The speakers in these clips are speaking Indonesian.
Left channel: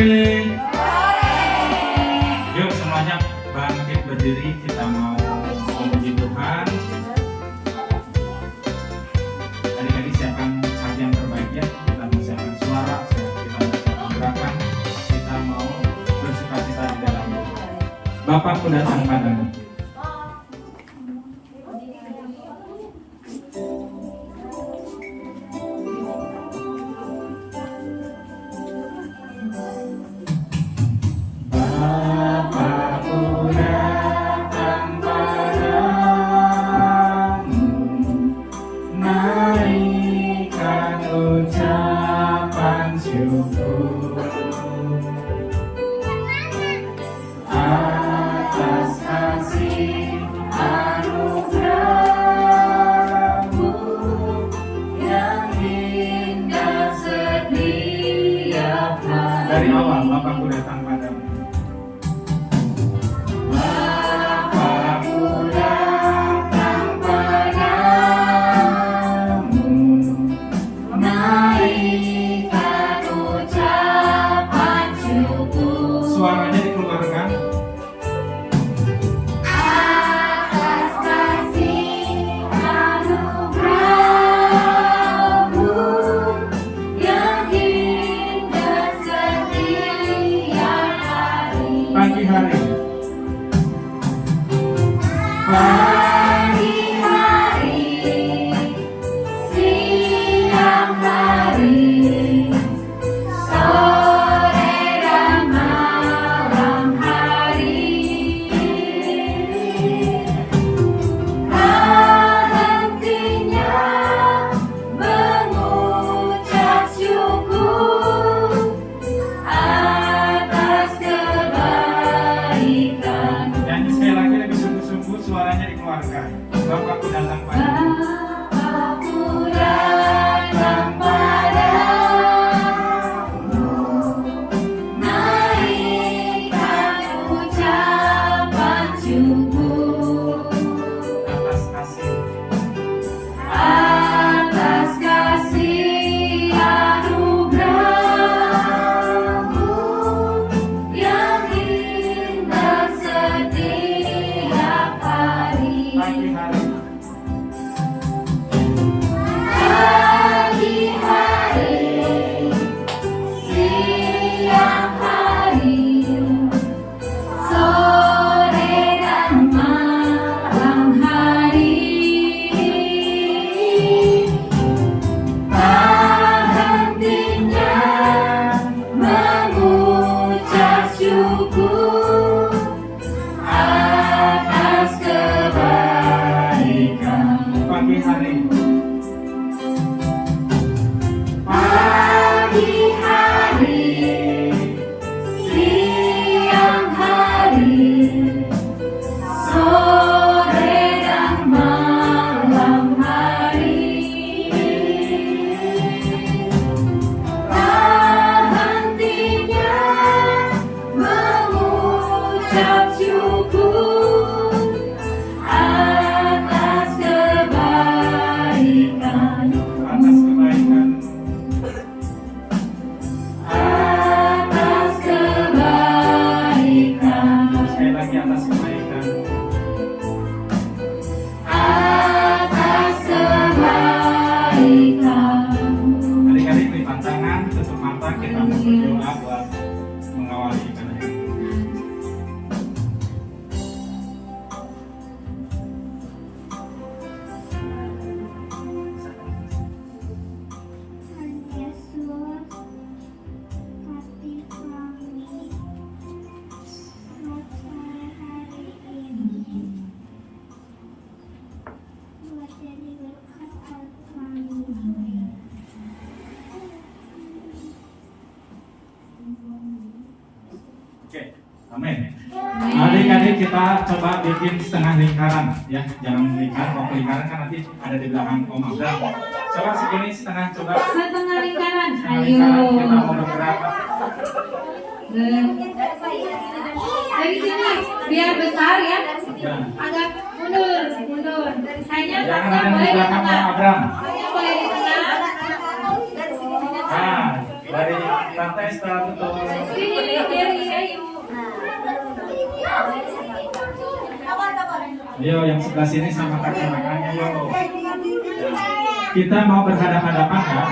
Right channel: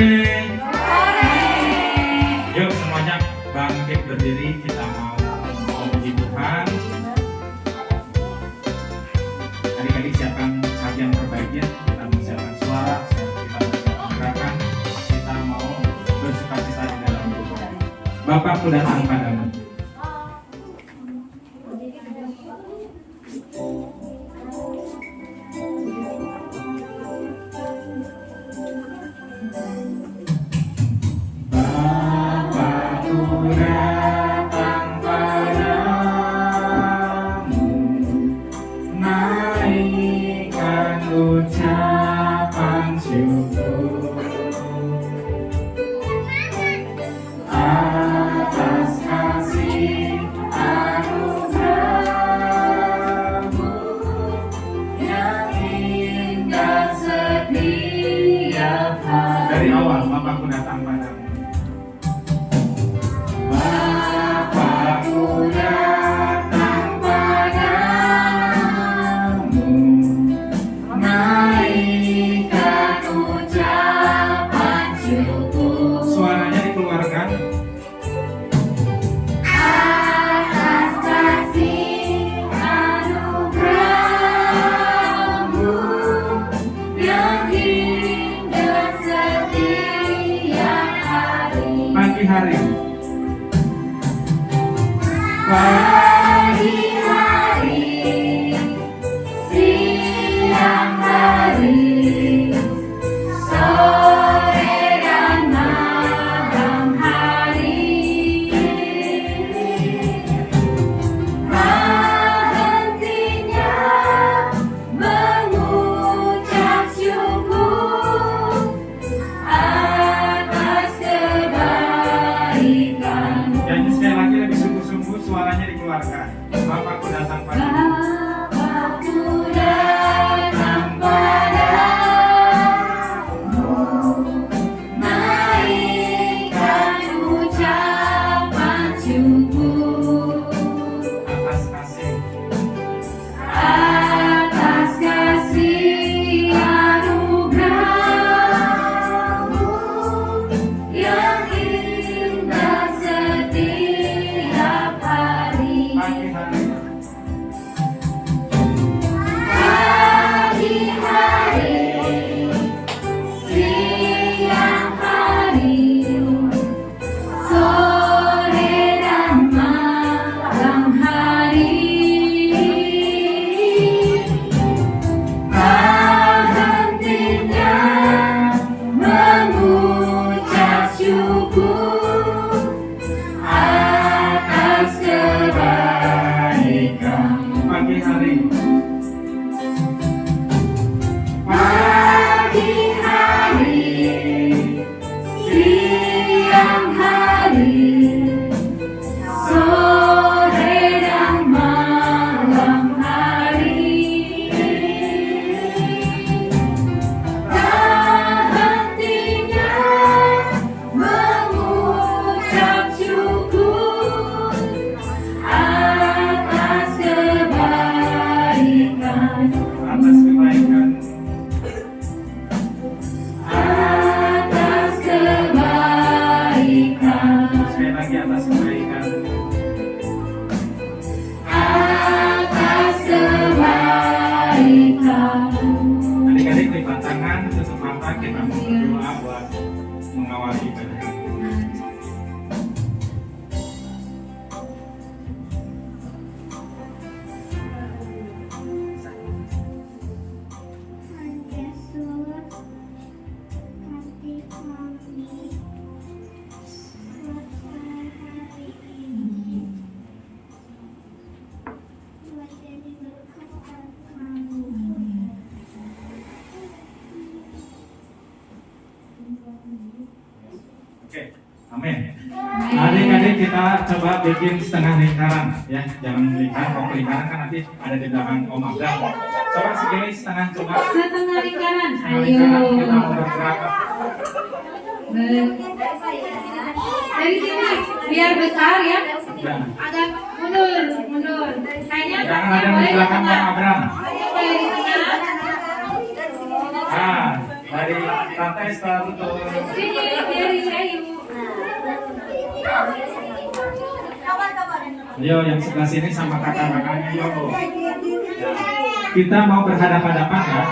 Yuk semuanya bangkit berdiri, kita mau memuji Tuhan. Adik-adik siapkan bagian terbaiknya, kita siapkan suara, kita mau gerakan, kita mau bersukacita di dalam Tuhan. Bapakku datang padamu. Dari awal Bapakku datang padamu. Bapakku datang padamu, naikkan ucapan syukur. Suaranya dikeluarkan. Atas kasih anugerah-Mu yang indah setiap hari. Pagi hari. Pagi hari, siang hari, sore dan malam hari. Tak hentinya mengucap syukur atas kebaikan. Nyanyi sekali lagi lebih sungguh-sungguh, suaranya dikeluarkan. Bapakku datang padamu. Bapakku datang padamu, naikkan ucapan syukur Atas kasih. atas kasih anugerah-Mu yang indah setiap hari. Pagi hari. Pagi hari, siang hari, sore dan malam hari. Tak hentinya mengucap syukur atas kebaikan. Pagi hari. Pagi hari, siang hari, sore dan malam hari. Tak hentinya mengucap syukur atas kebaikan. Atas kebaikan. Atas kebaikan, Sekali lagi atas kebaikan. atas kebaikan. Adik-adik lipat tangan, tutup mata, kita mau berdoa buat mengawali ibadah. Tuhan Yesus, kasih kami buat hari ini, buat jadi berkat buat kami. Oke, amin. Adik-adik kita coba bikin setengah lingkaran ya, jangan lingkaran. Kalau lingkaran kan nanti ada di belakang Om Abdal. Coba segini setengah, coba Setengah lingkaran, setengah ayo. lingkaran kita mau bergerak. Dari sini, biar besar ya. Ya. Agak mundur, mundur. Hanya Jangan ada yang di belakang Bang Abram. Boleh di tengah. Nah, dari tante Estel, betul. Sini, Gary, ayo. Ayo yang sebelah sini sama kakak-kakaknya yuk. Ya. Kita mau berhadapan-hadapan ya.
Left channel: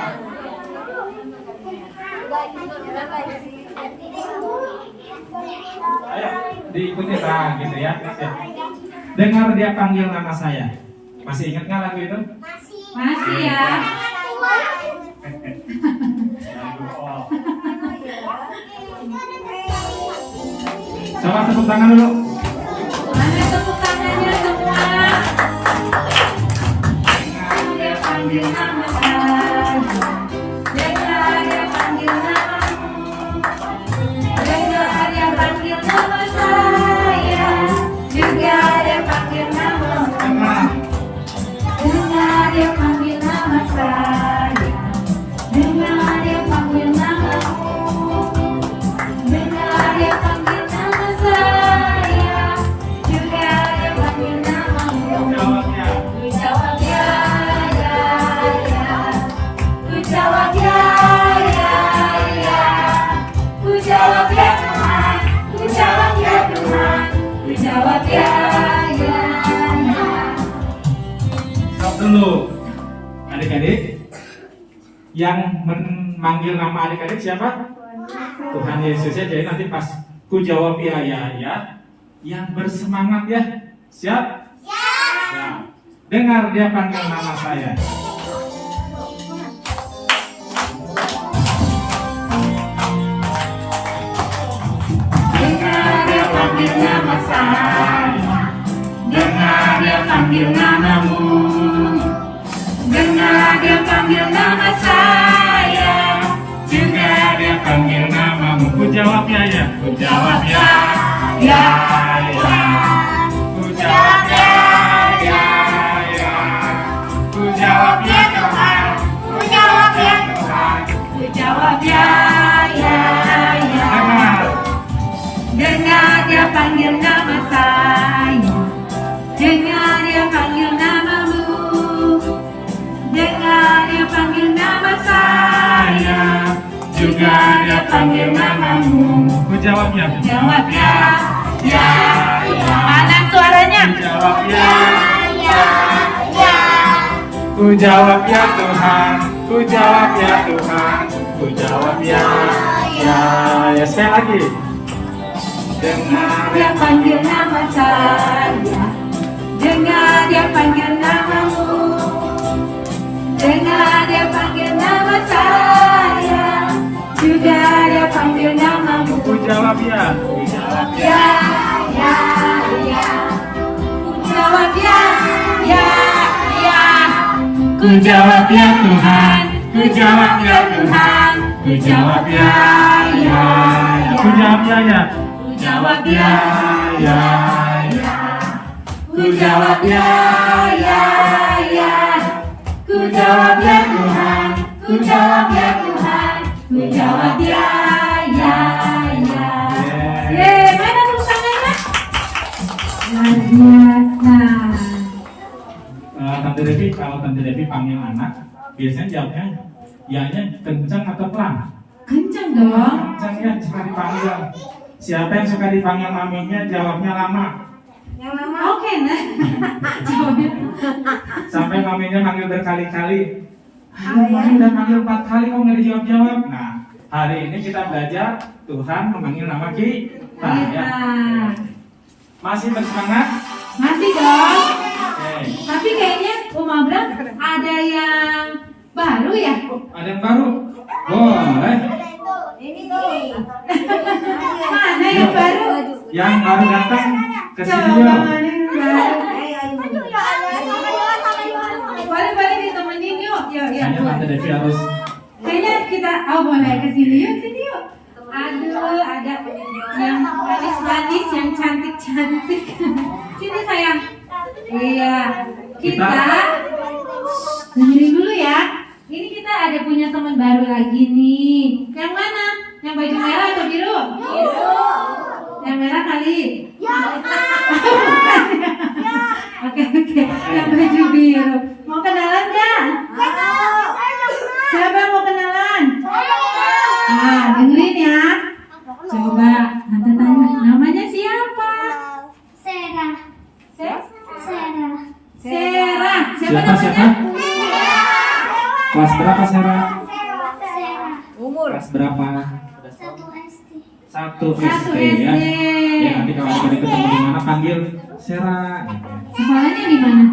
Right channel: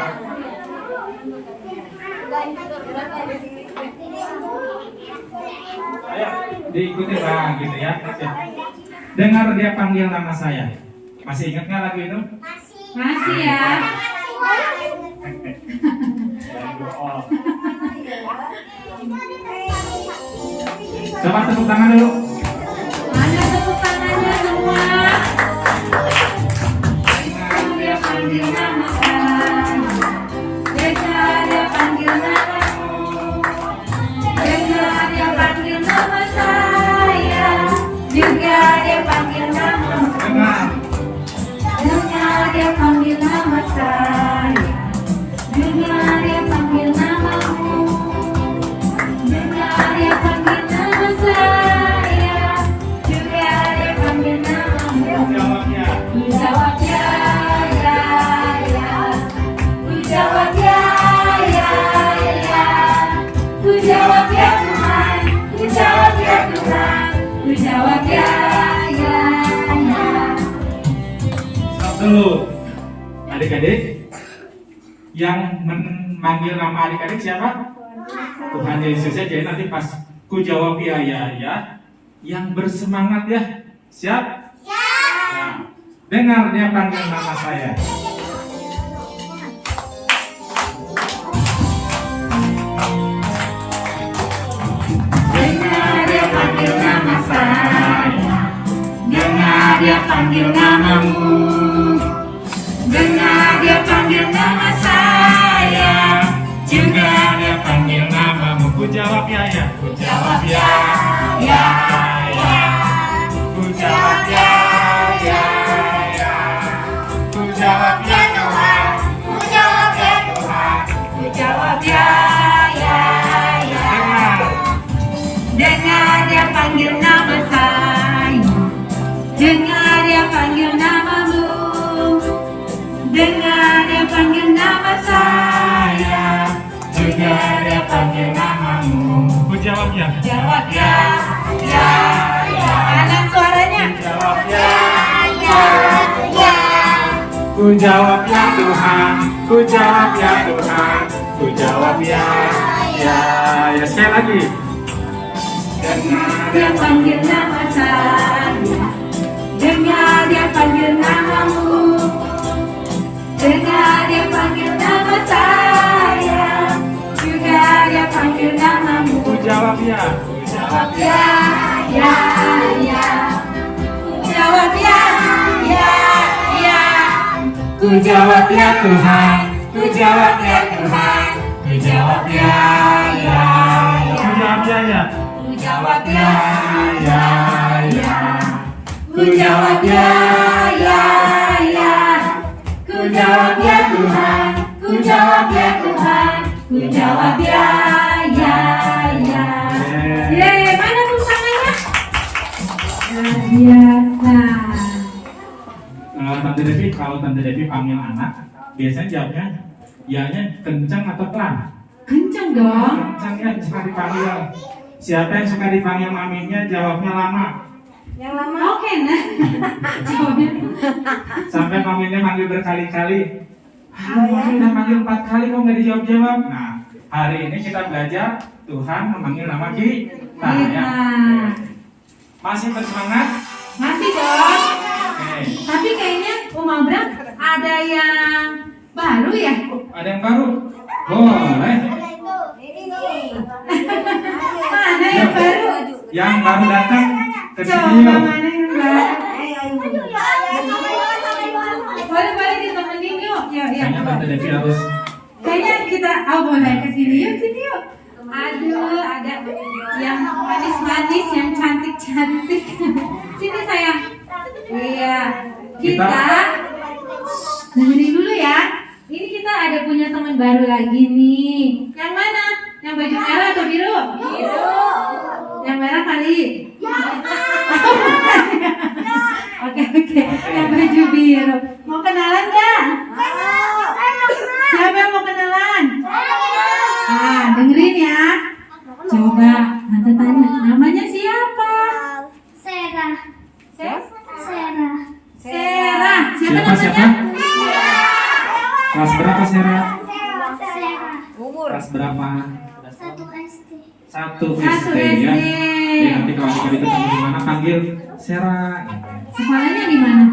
Ayo diikuti bang gitu ya. Oke. Dengar dia panggil nama saya. Masih ingat nggak lagu itu? Masih ya. Lagu all. Coba tepuk tangan dulu. Mana tepuk tangannya semua? Dia panggil nama saya. Dengar dia panggil namamu. Dengar dia panggil nama saya. Juga dia panggil namamu. Dengar. Dengar dia panggil nama saya. Dengar dia panggil namamu. Dengar dia panggil nama saya. Juga dia panggil namamu. Jawabnya. Ku jawab ya, ya, ya. Ku jawab ya, ya, ya. Ku jawab ya Tuhan. Ku jawab ya Tuhan. Ku jawab ya, ya, ya. Stop dulu. Adik-adik, yang memanggil nama adik-adik siapa? Tuhan Yesus ya. Jadi nanti pas ku jawab ya, ya, ya, yang bersemangat ya. Siap? Nah, dengar dia panggil nama saya. Dengar dia panggil nama saya. Dengar dia panggil namamu. Dengar dia panggil nama saya. Juga dia panggil namamu. Ku jawab ya, ya. Ku jawab ya, Ya, ya. Ku jawab ya, ya, ya. Ku jawab ya Tuhan. ku jawab ya Tuhan. Ku jawab ya, ya, ya. Dengar. Dengar dia panggil nama saya. Dengar dia panggil namamu. Dengar dia panggil nama saya. Juga dia panggil namamu. Ku jawab ya. Jawab ya, ya, ya. Mana suaranya? Ku jawab ya. Ya, ya. Ku jawab ya Tuhan. Ku jawab ya Tuhan. Ku jawab ya, ya, ya. Sekali lagi. Dengar dia panggil nama saya. Dengar dia panggil namamu. Dengar dia panggil nama saya. Juga dia panggil namamu. Ku jawab ya. Ku jawab ya. Ya, ya, ya. Ku jawab ya, ya, ya. Ku jawab ya Tuhan. Ku jawab ya Tuhan. Ku jawab ya, ya, ya. Ku jawab ya, ya. Ku jawab ya, Ya, ya. Ku jawab ya, ya, ya. Ku jawab ya Tuhan. Ku jawab ya Tuhan. Ku jawab ya, ya, ya. Yeay, mana tepuk tangannya? Luar biasa. Tante Devi, kalau Tante Devi panggil anak, biasanya jawabnya, ya-nya kencang atau pelan? Kencang dong. Kencang kan suka dipanggil. Siapa yang suka dipanggil maminya, jawabnya lama. Yang lama. Oke, nah. Jawabnya. Sampai maminya manggil berkali-kali. Mami udah manggil 4 kali kok nggak dijawab-jawab. Nah, hari ini kita belajar Tuhan memanggil nama kita ya. Masih bersemangat? Masih dong. Oke. Tapi kayaknya Om Abram ada yang baru ya? Ada yang baru? Boleh. Mana yang baru? Yang baru datang ke Coba sini yuk. mana yang baru? Boleh ditemenin yuk. Yuk, Kayaknya Tante Devi harus. Kayaknya kita, boleh ke sini yuk, sini yuk. Aduh, ada yang manis-manis, yang cantik-cantik. Sini sayang. Iya, kita dengerin dulu ya. Ini kita ada punya teman baru lagi nih. Yang mana? Yang baju merah atau biru? Biru. Yang merah kali. Ya. Oke. Yang baju biru. Mau kenalan nggak? Siapa yang mau kenalan? Dengerin Kelas berapa Sarah? Umur Kelas berapa? 1 SD. Satu Satu SD ya. SD. Ya nanti kalau adik ketemu di mana panggil Sarah. Sekolahnya di mana?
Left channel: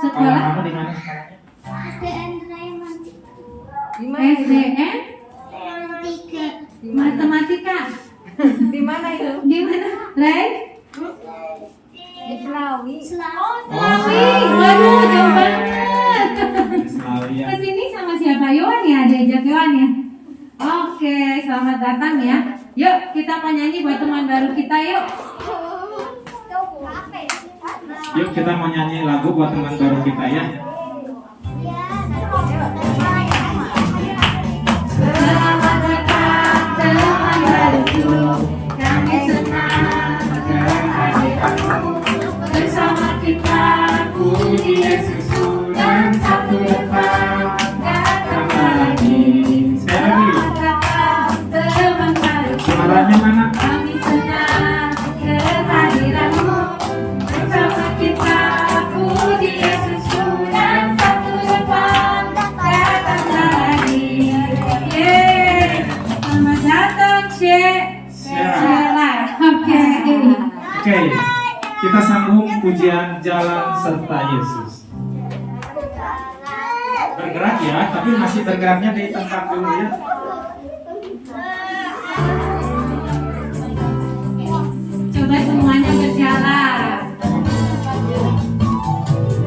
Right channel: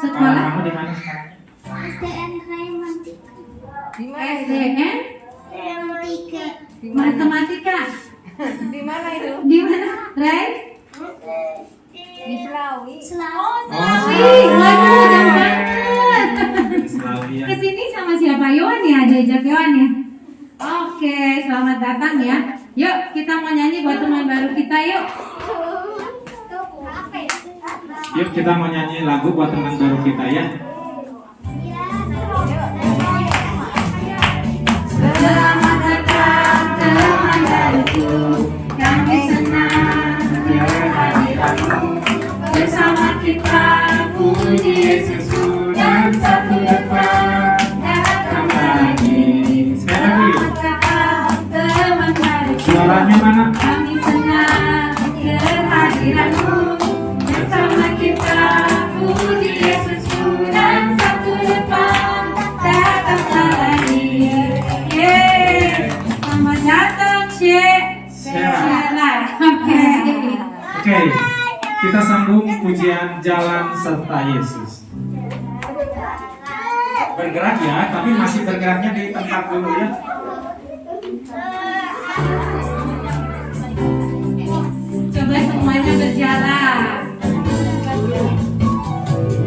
Sekolah Sekolah kamu di mana sekolahnya? SDN Raymond. SDN Raymond 3. Matematika. Di mana itu? Di mana? Ray? Di Selawi. Selawi. Ih, waduh, jauh banget. Selawi ya. Kesini sama siapa? Yohan ya? Diajak Yohan ya? Oke, selamat datang ya. Yuk, kita mau nyanyi buat teman baru kita yuk. Yuk kita mau nyanyi lagu buat teman baru kita ya. Selamat datang teman baruku. Kami senang kehadiranmu. Bersama kita puji Yesusku dan satu depan datang lagi. Sekali lagi. Teman baruku. Suaranya mana? Kami senang kehadiranmu. Bersama kita puji Yesusku dan satu depan datang lagi. Yeay, selamat datang Sheila. Oke. Oke, kita sambung pujian Jalan Serta Yesus. Bergerak ya, tapi masih bergeraknya di tempat dulu ya. Coba semuanya berjalan.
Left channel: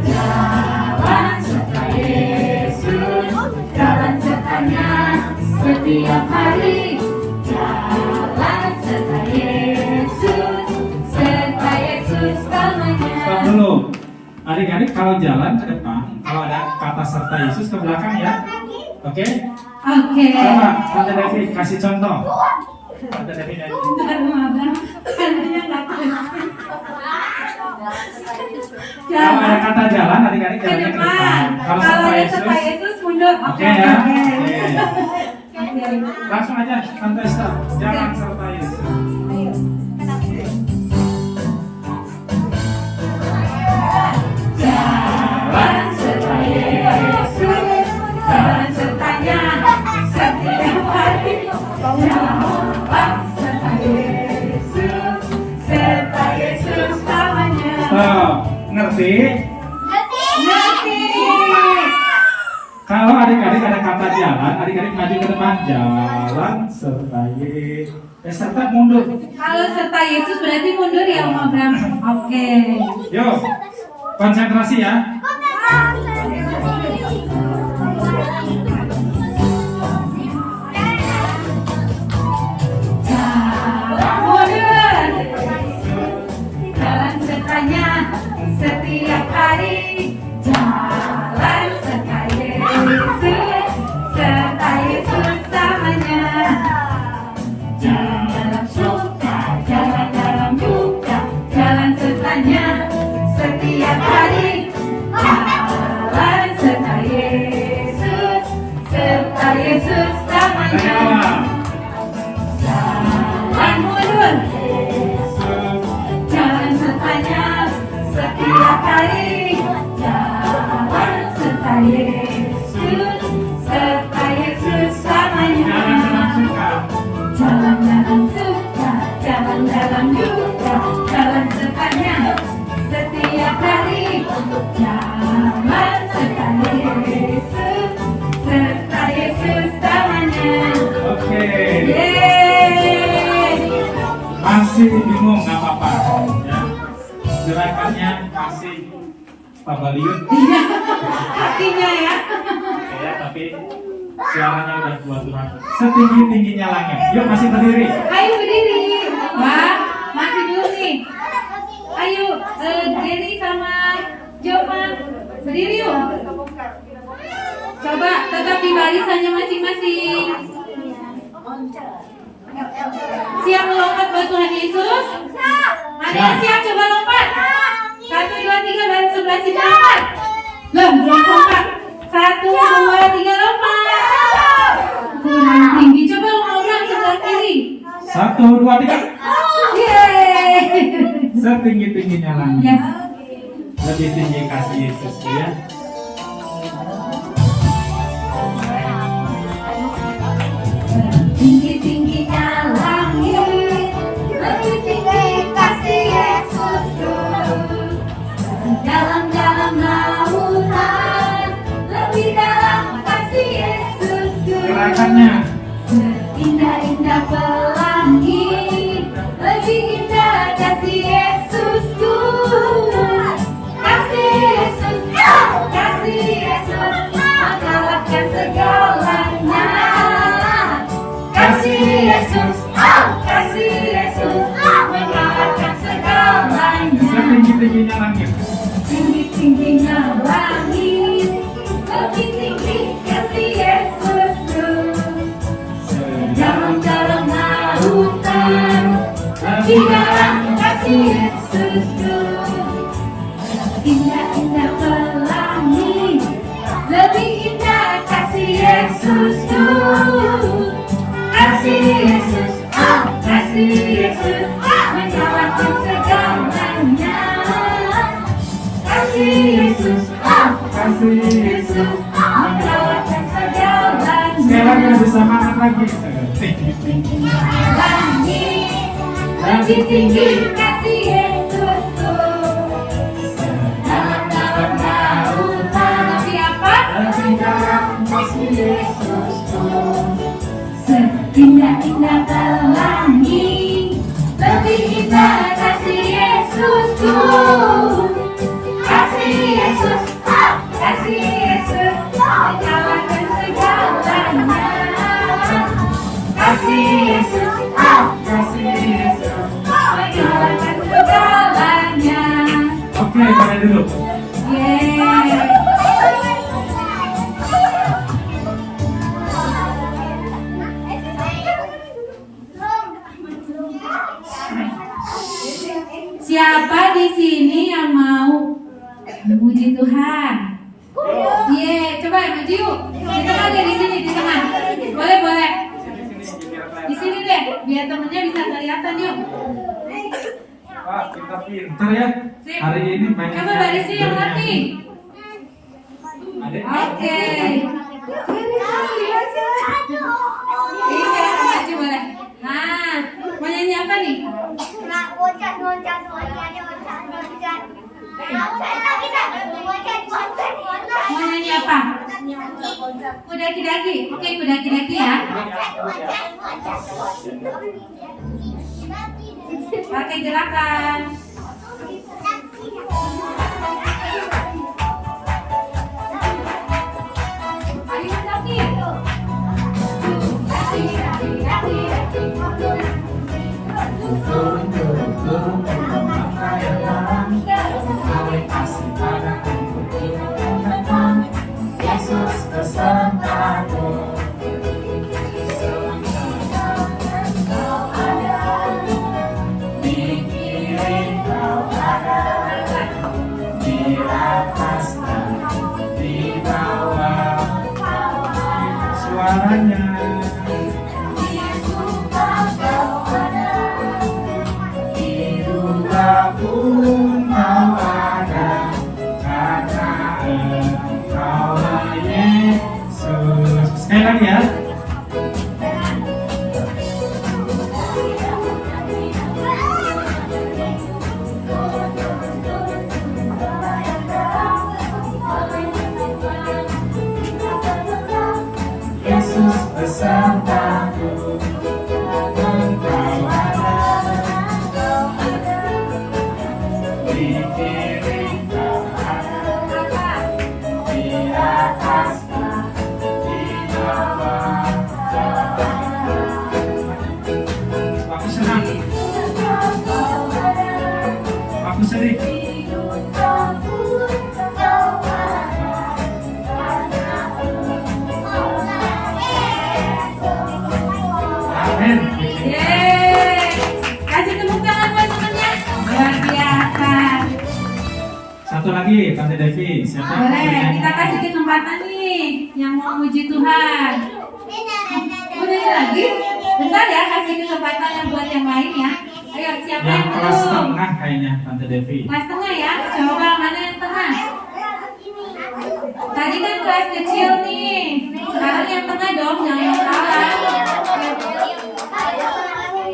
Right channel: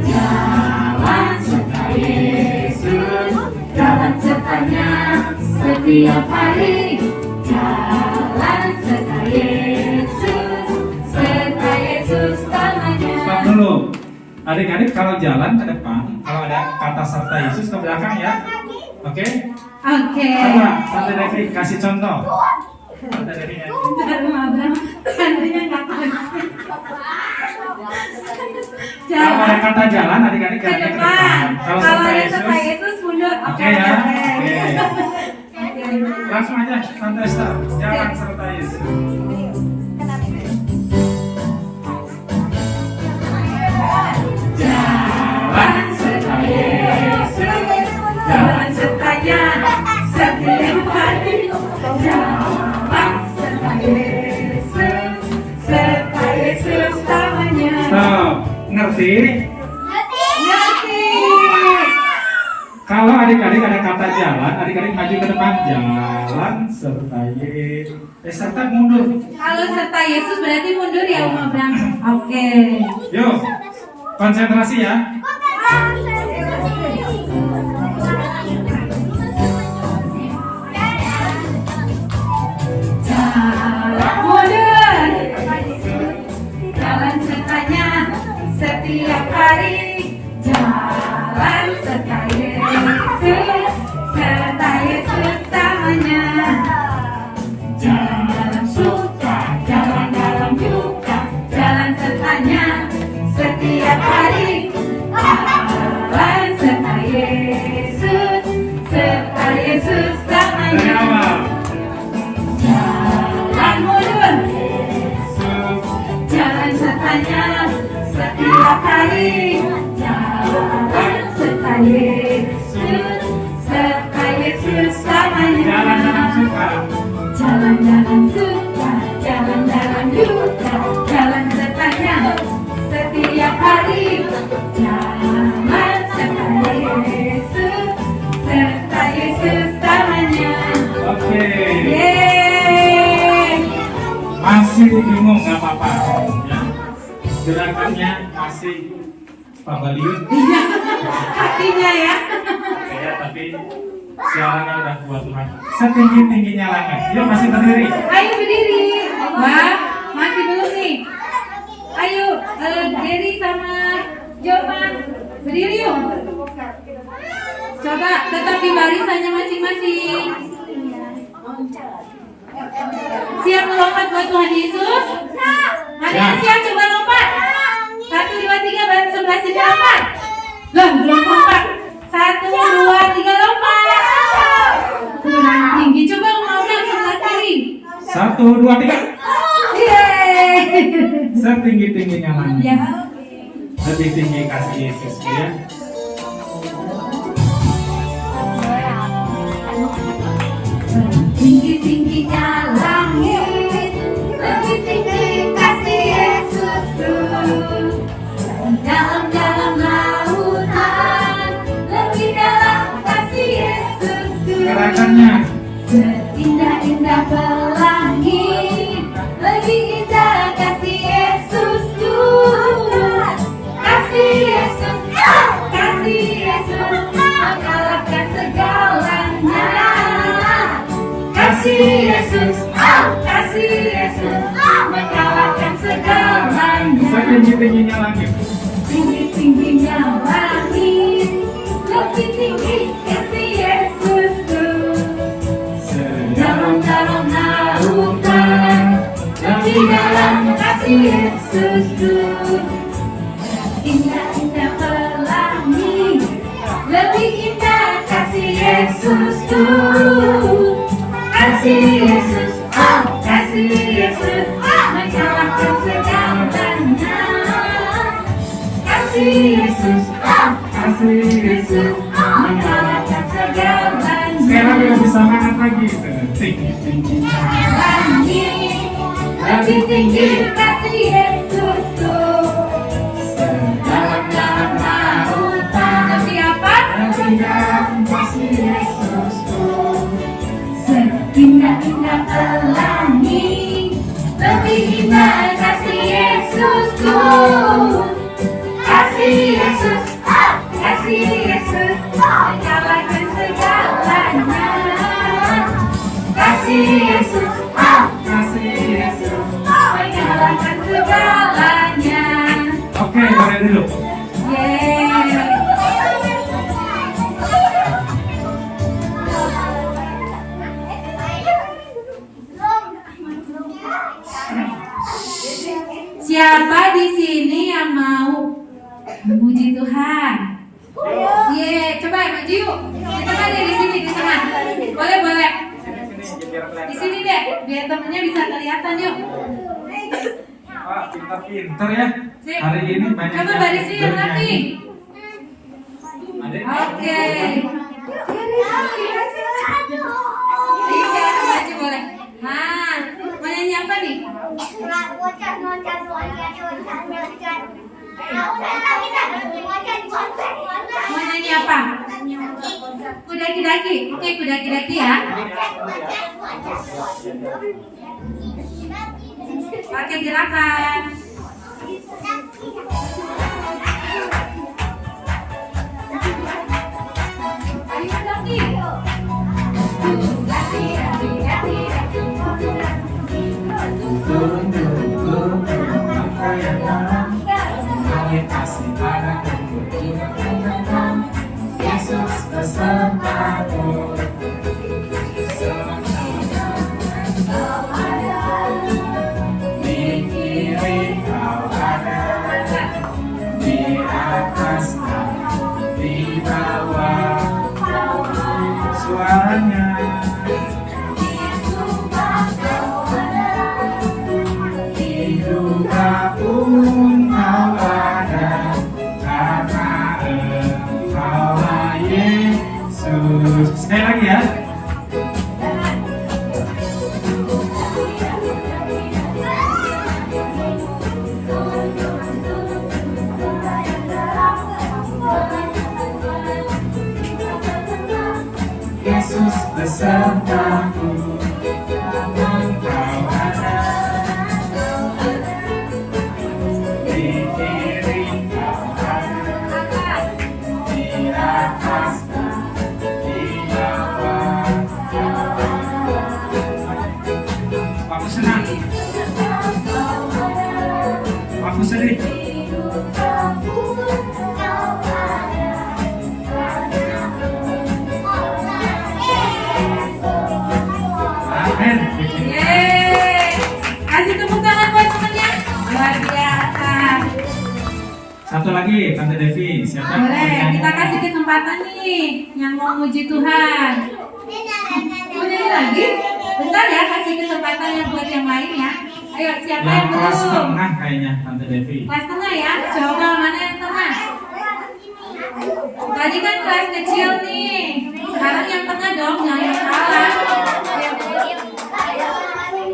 Jalan serta Yesus, jalan sertanya setiap hari. Jalan serta Yesus, serta Yesus selamanya. Stop dulu. Adik-adik kalau jalan ke depan, kalau ada kata serta Yesus ke belakang ya. Oke? Oke. Coba, Tante Devi kasih contoh. Tante Devi nyanyi. Bentar, Mabel. Hantunya nggak pasti. Kalau ada Jalan kata jalan, adik-adik ke jalannya ke depan. depan. Kalau Kalau serta ada serta Yesus, Yesus mundur. oke ya. Oke. Oke. Langsung aja, Tante Esther. Jalan serta Yesus. Jalan serta Yesus, jalan sertanya setiap hari. Jalan serta Yesus, serta Yesus selamanya. Stop. Ngerti? Ngerti. Kalau adik-adik ada kata jalan, adik-adik maju ke depan. Jalan serta Yesus. Serta mundur. Kalau serta Yesus berarti mundur ya Om Abraham. Oke. Yuk, konsentrasi ya. Jalan mundur. Jalan sertanya setiap hari. Jalan serta Yesus, serta Yesus selamanya. Jalan dalam suka, jalan dalam duka, jalan sertanya setiap hari. Jalan serta Yesus, serta Yesus Dari selamanya. awal. Jalan mundur, jalan sertanya setiap hari. Jalan serta Yesus, serta Yesus selamanya. Jalan dalam suka. Jalan dalam suka, jalan dalam duka, jalan sertanya setiap hari. Jalan serta Yesus, serta Yesus selamanya. Oke. Yeay. Masih bingung nggak apa-apa. Ya. Gerakannya masih pabaliun. Iya, kakinya ya. Ya, tapi suaranya udah buat Tuhan. Setinggi-tingginya langit. Yuk masih berdiri. Ayo berdiri. Wah, masih belum nih. Ayo, Jerry sama Joma berdiri yuk. Coba tetap di barisannya masing-masing. Siap melompat buat Tuhan Yesus? Ada yang siap coba lompat? 1, 2, 3 bareng sebelah sini lompat. Loh, belum lompat. 1, 2, 3 lompat. Kurang tinggi, coba ngobrol sebelah kiri. 1, 2, 3. Yeay. Setinggi-tingginya langit. Yes. Lebih tinggi kasih Yesus ya. Tinggi-tingginya langit, lebih tinggi kasih Yesusku. Dalam-dalam lautan, lebih dalam kasih Yesusku. Gerakannya. Seindah-indah pelangi, lebih indah kasih Yesusku. Kasih Yesus, kasih Yesus, mengalahkan segalanya. Kasih Yesus, kasih Yesus, mengalahkan segalanya. Setinggi-tingginya langit. Tinggi-tingginya langit, lebih tinggi kasih Yesusku. Dalam-dalam lautan, lebih dalam kasih Yesusku. Indah-indah pelangi, lebih indah kasih Yesusku. Kasih Yesus, kasih Yesus, mengalahkan segalanya. Kasih Yesus, Kasih Yesus, mengalahkan segalanya. Sekarang lebih semangat lagi. Tinggi-tingginya. Langit, lebih tinggi kasih Yesusku. Dalam-dalam lautan, lebih apa? Lebih dalam kasih Yesusku. Seindah-indah pelangi, lebih indah kasih Yesusku. Kasih Yesus, kasih Yesus, mengalahkan segalanya. Kasih Yesus, Kasih Yesus. mengalahkan segalanya. Oke, mulai dulu. Yeay. Siapa di sini yang mau memuji Tuhan? Ye, coba maju yuk. Kita ada di sini di tengah. Boleh, boleh. Di sini deh, biar temennya bisa kelihatan yuk. Wah, pintar-pintar ya. Sip. Hari ini banyak Coba barisi yang rapi. Adik. Oke. Ayo kita maju boleh. Nah, mau nyanyi apa nih? Mau nyanyi apa? Kudaki-daki. Oke, kudaki-daki ya. Pakai gerakan. Ayo daki. Turun, turun, turun, turun, apa yang dalam? Oleh kasih padaku berjuang. Yesus besertaku. Di kiri kau ada, di atas dan di bawah. Suaranya. Hidup aku kau ada, karena Engkaulah Yesus. Sekali lagi ya. Yesus besertaku. Engkau ada di kiri kau ada, di atas dan di bawah. Aku senang. Aku sedih. Amin. Yeay. Kasih tepuk tangan buat temennya. Luar biasa. Satu lagi, Tante Devi. Siapa yang mau Boleh, bernyanyi? kita kasih kesempatan nih yang mau muji Tuhan. Mau nyanyi lagi? Bentar ya, kasih kesempatan yang buat yang lain ya. Ayo, siapa Yang yang kelas belum? tengah kayaknya, Tante Devi. Kelas tengah ya. Coba mana yang tengah? Tadi kan kelas kecil nih. Sekarang yang tengah dong, jangan yang salah.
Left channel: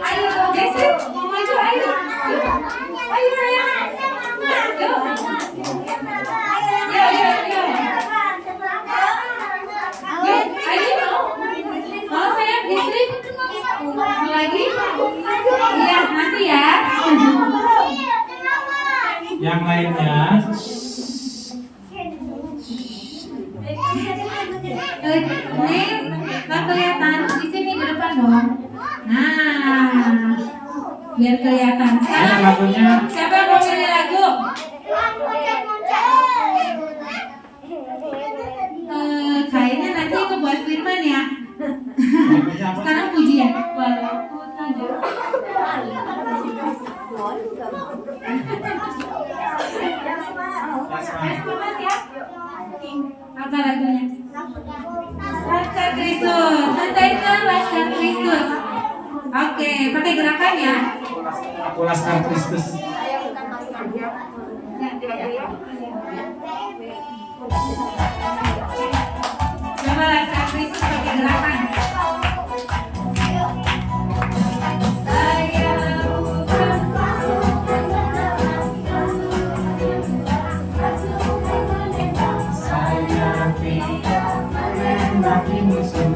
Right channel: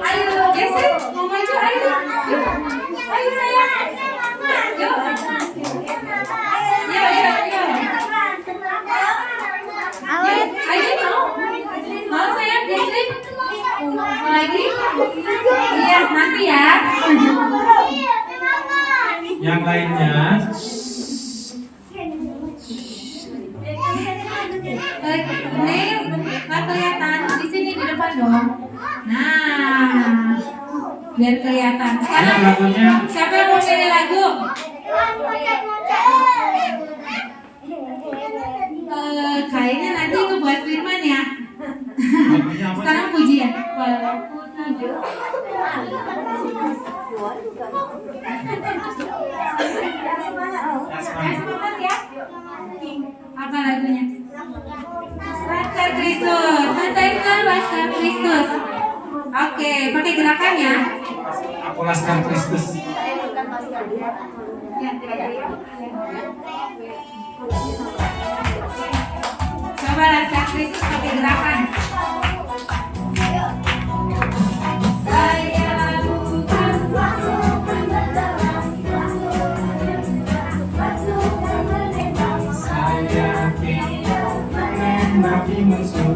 Ayo, geser, mau maju, ayo. Ayo sayang. Yuk. Yuk, ayo. Mau sayang geser. Mau lagi? Iya, nanti ya. Yang lainnya Ini nggak kelihatan di sini di depan dong. Nah, biar kelihatan. ini Sekarang lagunya siapa yang mau nyanyi lagu? Kayaknya nanti itu buat Firman ya. lagunya apa? Sekarang pujian. Walaupun tidur. Semangat ya. Apa lagunya? Laskar Kristus. Laskar Laskar Kristus. Oke, pakai gerakan ya. Aku Laskar Kristus. Ya. Coba Laskar Kristus pakai gerakan. Saya tidak mengendaki musuh.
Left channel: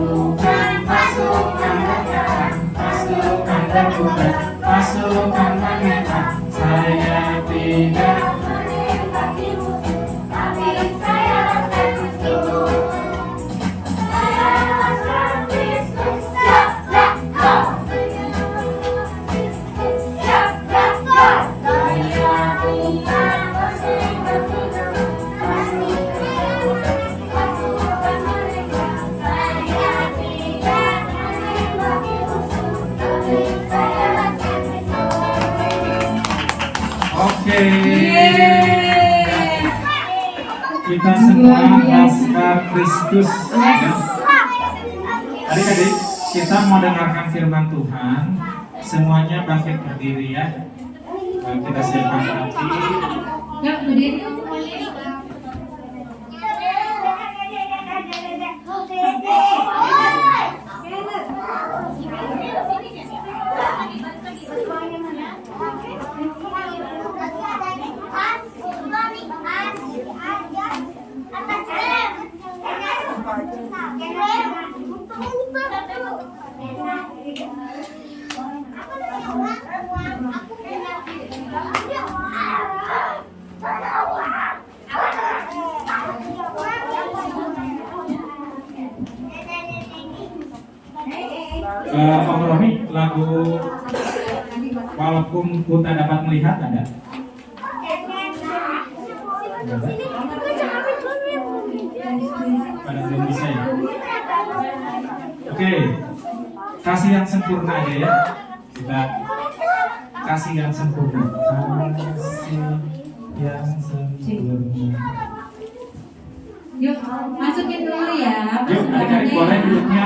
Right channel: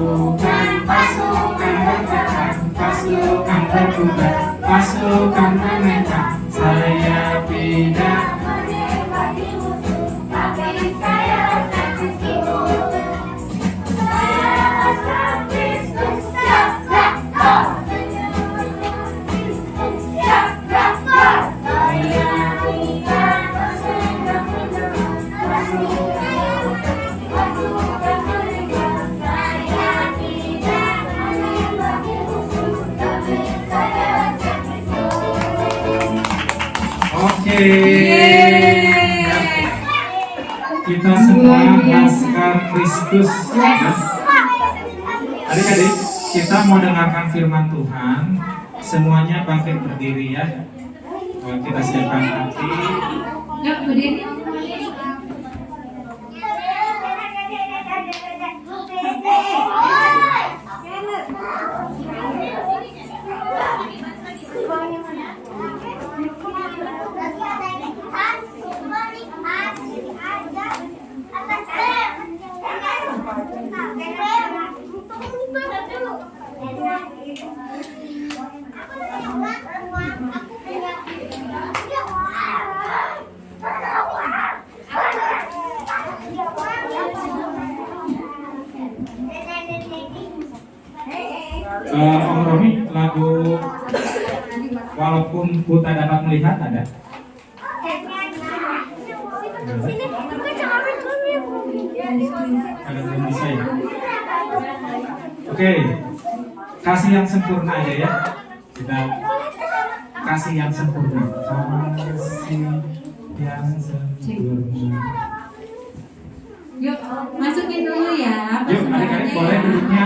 Bukan pasukan berperang, pasukan berkuda, pasukan menentang. Saya tidak menembaki musuh, tapi saya Laskar Kristus. Saya Laskar Kristus, siap Laskar. Siap Laskar. Saya tidak menembaki musuh, pasukan menentang. Saya tidak menembaki musuh, tapi saya Laskar Kristus. Oke. Yeay. Kita semua Luar biasa. Laskar Kristus. Ya. Adik-adik, kita mau dengarkan firman Tuhan. Semuanya bangkit berdiri ya. Kita siapkan hati. Yuk, berdiri. Om Romi, lagu Walaupun Ku Tak Dapat Melihat ada? Pada belum bisa ya? Oke, kasih yang sempurna aja ya. Kita kasih yang sempurna. Kasih yang sempurna. Yuk, masukin dulu ya. Yuk, adik-adik boleh duduknya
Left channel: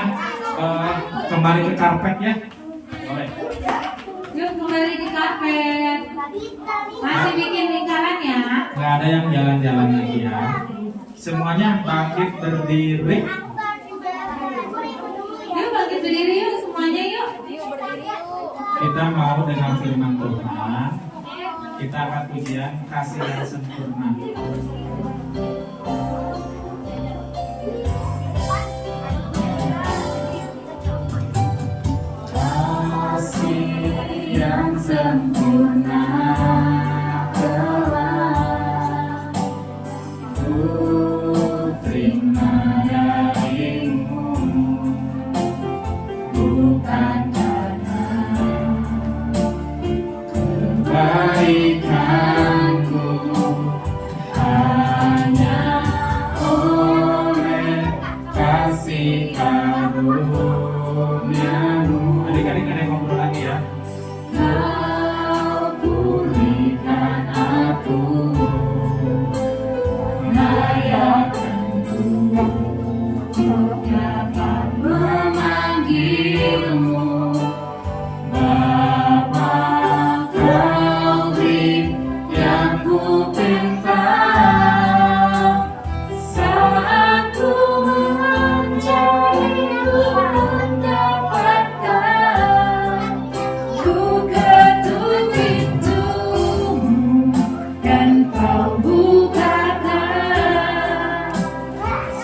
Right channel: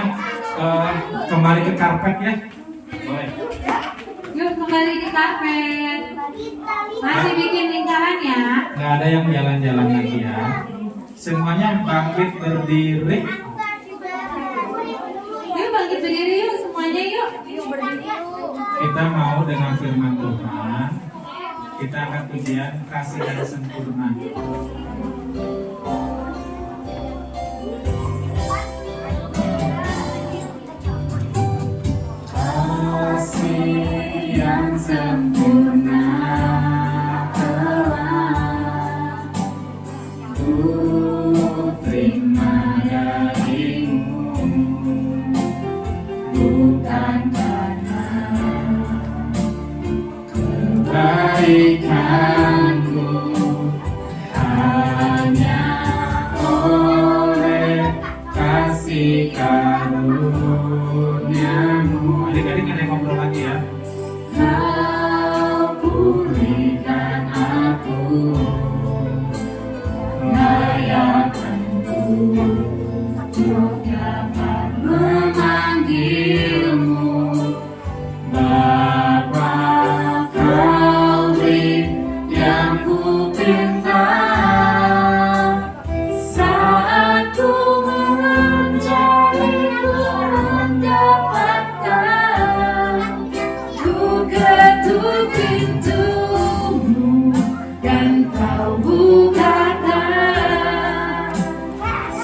kembali ke karpet ya. Boleh. Yuk, kembali di karpet. Masih bikin lingkaran ya. Nggak ada yang jalan-jalan lagi ya. Semuanya bangkit berdiri. Yuk, bangkit berdiri yuk semuanya yuk. Kita mau dengan firman Tuhan. Kita akan pujian kasih yang sempurna. Kasih yang sempurna telah ku terima darimu, bukan karena kebaikanku, hanya pintumu dan kau bukakan.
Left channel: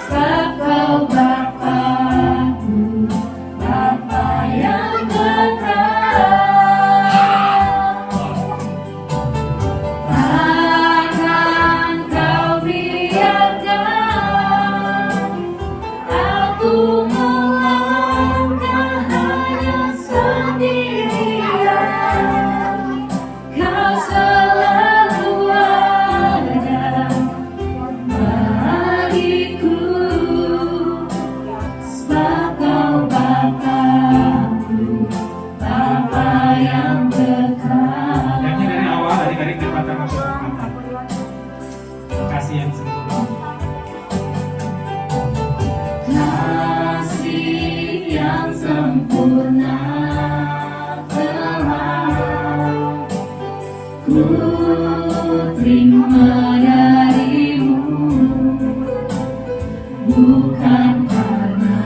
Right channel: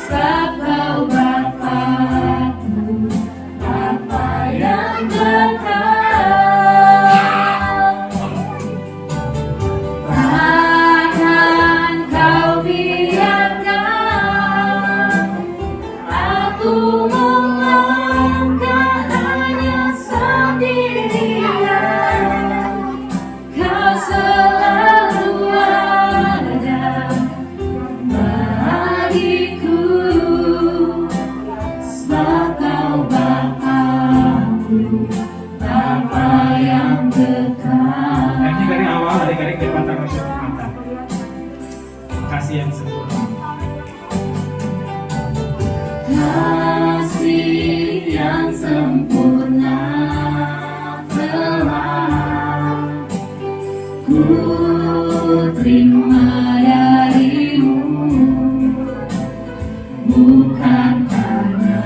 Sebab kau Bapa-Ku, Bapa yang kekal. Takkan kau biarkan aku melangkah hanya sendirian. Kau selalu ada bagiku, sebab kau Bapa-Ku, Bapa yang kekal. Naiknya dari awal, adik-adik depan tangan mata. Kasih yang sempurna. Kasih yang sempurna telah ku terima darimu, bukan karena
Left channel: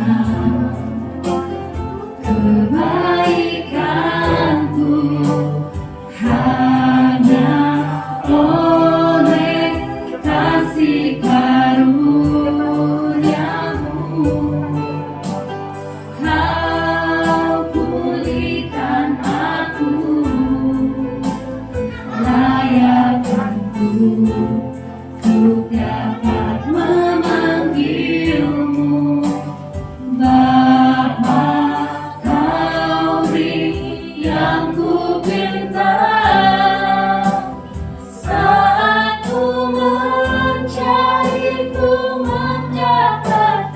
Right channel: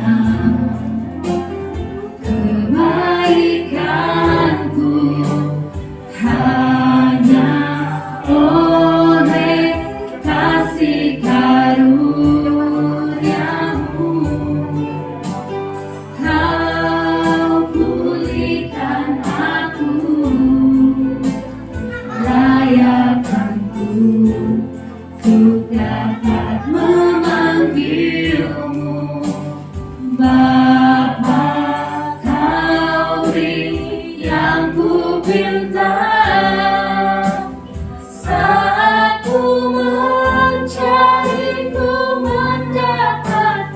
kebaikanku, hanya oleh kasih karuniamu kau pulihkan aku, layakanku untuk dapat memanggilmu Bapa. Kau beri yang ku pinta saat ku mencari, ku mendapatkan.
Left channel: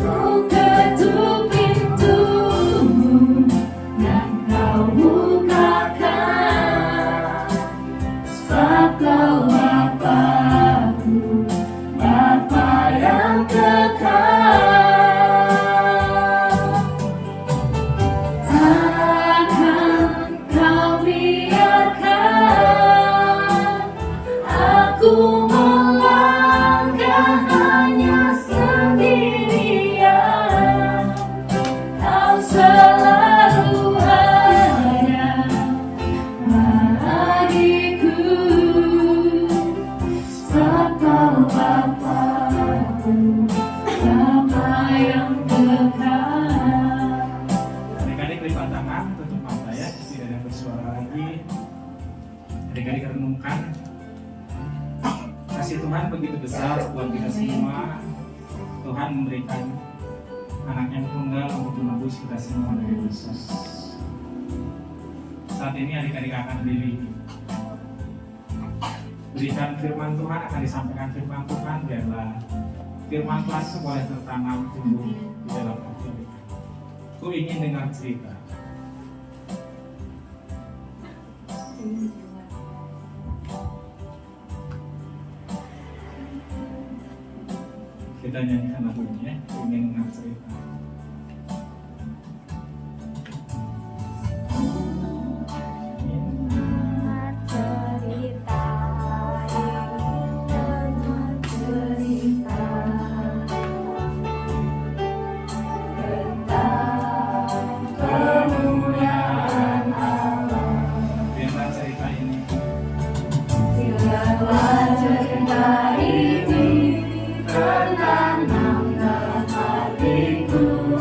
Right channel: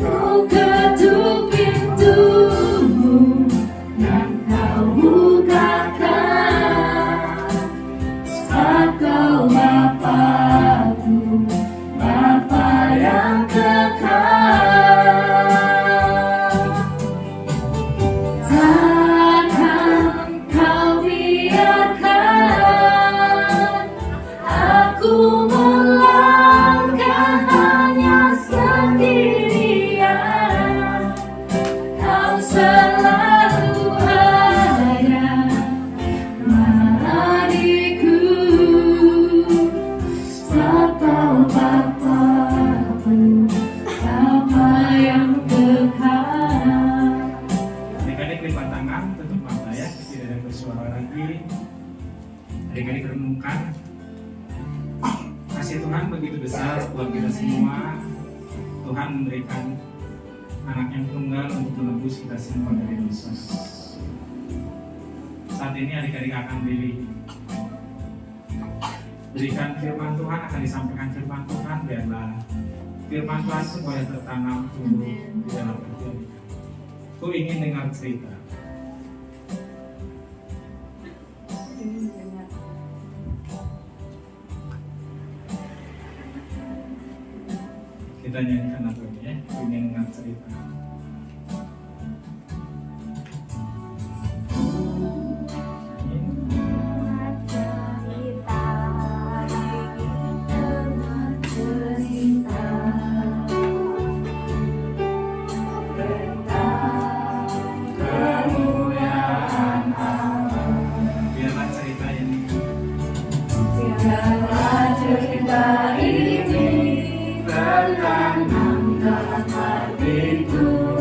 Ku ketuk pintumu dan kau bukakan. Sebab kau Bapa-Ku, Bapa yang kekal. Takkan kau biarkan aku melangkah hanya sendirian. Kau selalu ada bagiku, sebab kau Bapa-Ku, Bapa yang kekal. Adik-adik lipat tangan, tutup mata ya, tidak ada bersuara lagi. Adik-adik renungkan. Kasih Tuhan begitu besar buat kita semua. Tuhan memberikan anak yang tunggal untuk menebus kita semua dari dosa. Saat ini adik-adik akan berikan firman Tuhan, akan disampaikan firman Tuhan. Biarlah firman Tuhan itu boleh tertanam tumbuh di dalam hati adik. Ku ingin dengar cerita. Kita nyanyikan lagunya ya, ku ingin dengar cerita. Biarlah cerita ini Biarlah cerita ini tertanam dalam hatiku.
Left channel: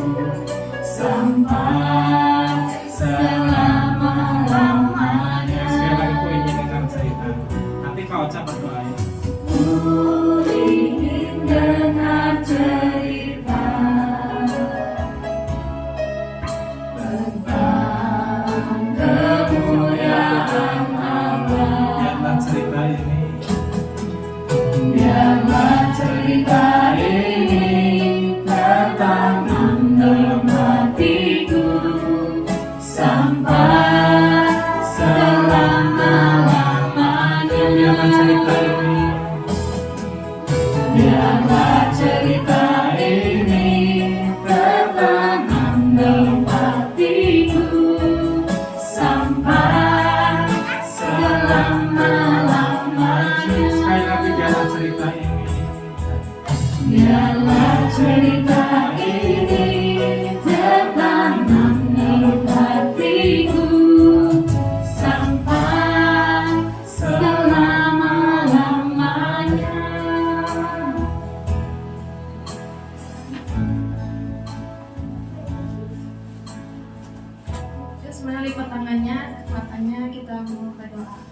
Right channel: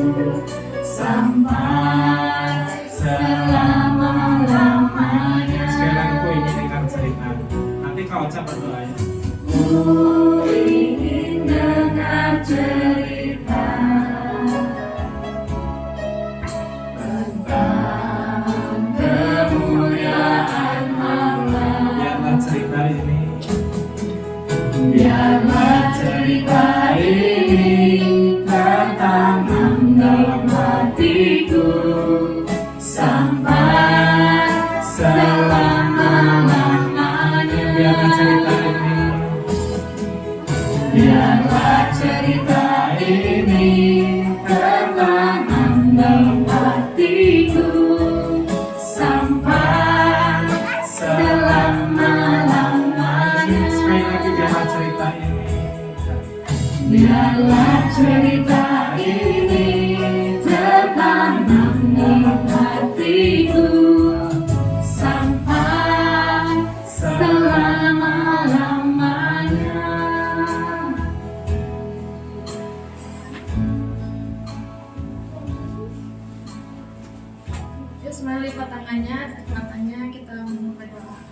kita mau berdoa.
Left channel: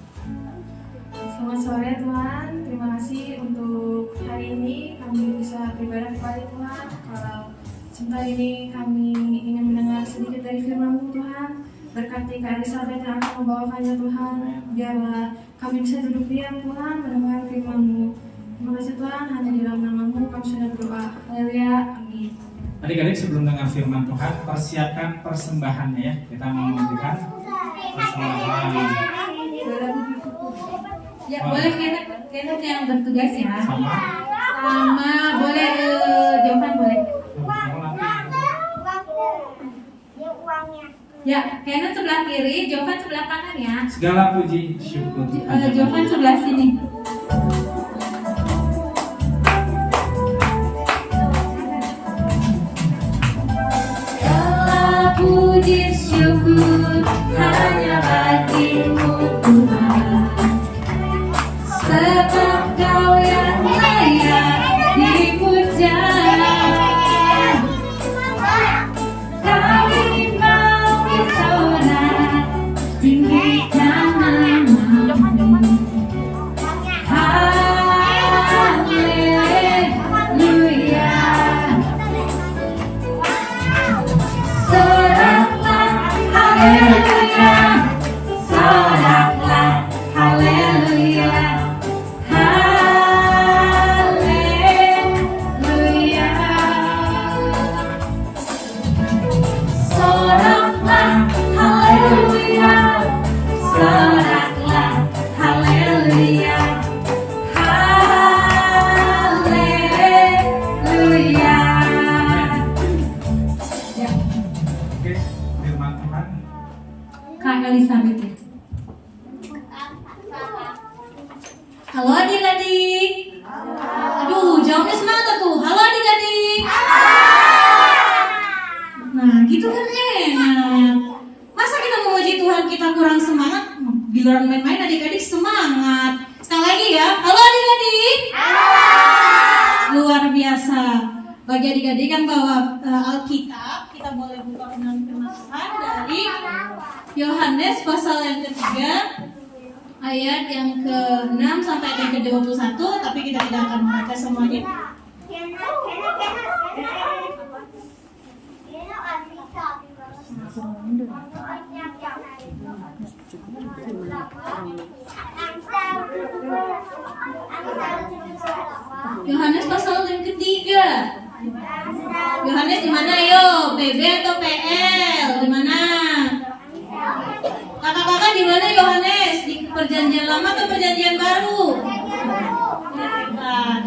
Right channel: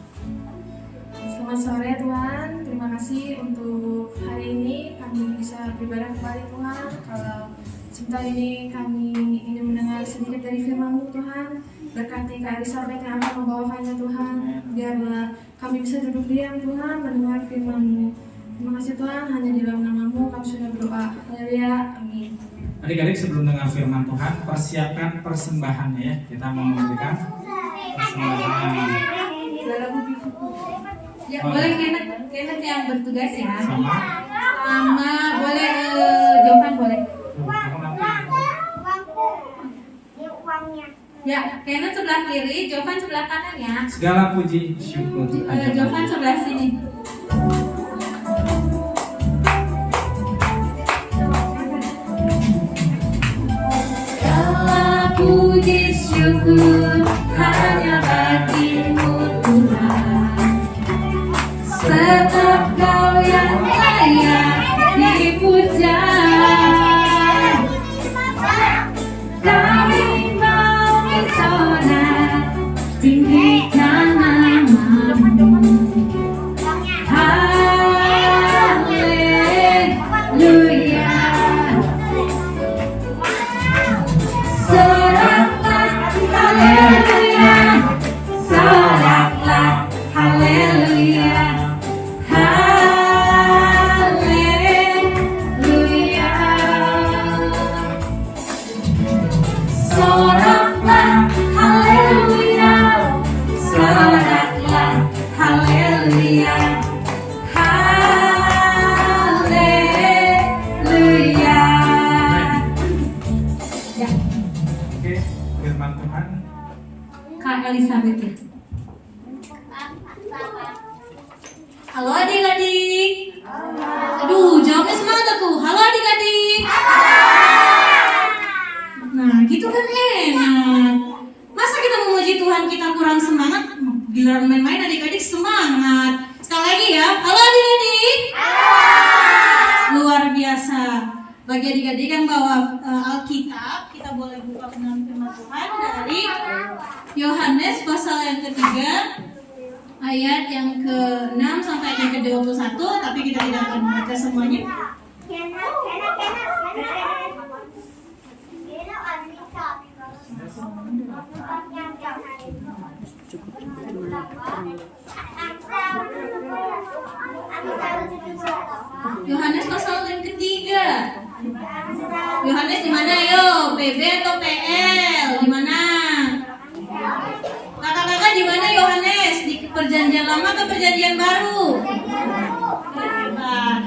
Selamat sore Tuhan, terima kasih untuk hari ini kami bisa beribadah kepada Tuhan. Kalau sebentar ini kami ingin mendengar sedikit dari firman-Mu Tuhan. Berkati Kak Elizabeth yang akan membawakannya Tuhan. Biarlah kami bisa duduk diam Tuhan mendengar firman-Mu. Terima kasih Tuhan, hanya di dalam nama-Mu kami sudah berdoa. Haleluya, amin. Adik-adik sebelum dengar firman Tuhan, persiapkan persembahannya ya. Kita mau memberikan persembahan. Ya, boleh Kenneth yang bertugas ya. Sama. Sama boleh Jovan boleh. Ya, Kenneth sebelah kiri, Jovan sebelah kanan ya. Segala puji syukur. Jovan sebelah sini. Segala puji syukur hanya bagi-Mu Tuhan. Sebab Kau yang layak dipuja. Kami mau bersorak tinggikan nama-Mu. Haleluya. Soraklah haleluya. Soraklah haleluya. Haleluya. Soraklah haleluya. Soraklah haleluya. Haleluya. Ya, Oke, firman Tuhan. Kak Elizabeth ya. Halo adik-adik. Aduh, jawabnya semangat tuh. Halo adik-adik. Nah, gitu kan enak. Masa kita memuji Tuhan kita kurang semangat? Giliran main-main adik-adik semangat. Sekali lagi ya. Halo adik-adik. Luar biasa. Bagi adik-adik yang bawa Alkitab, kita boleh buka dengan firman Tuhan dari Yohanes pasal yang ketiga ayat yang ke-6 sampai ayat yang ke-21, tapi kita tidak akan membaca semuanya. Yohanes pasal yang ketiga. Yohanes di mana ayo? PB atau PL? Di mana? Kakak-kakak di mana Yohanes? Di perjanjian lama atau perjanjian baru? Hebat.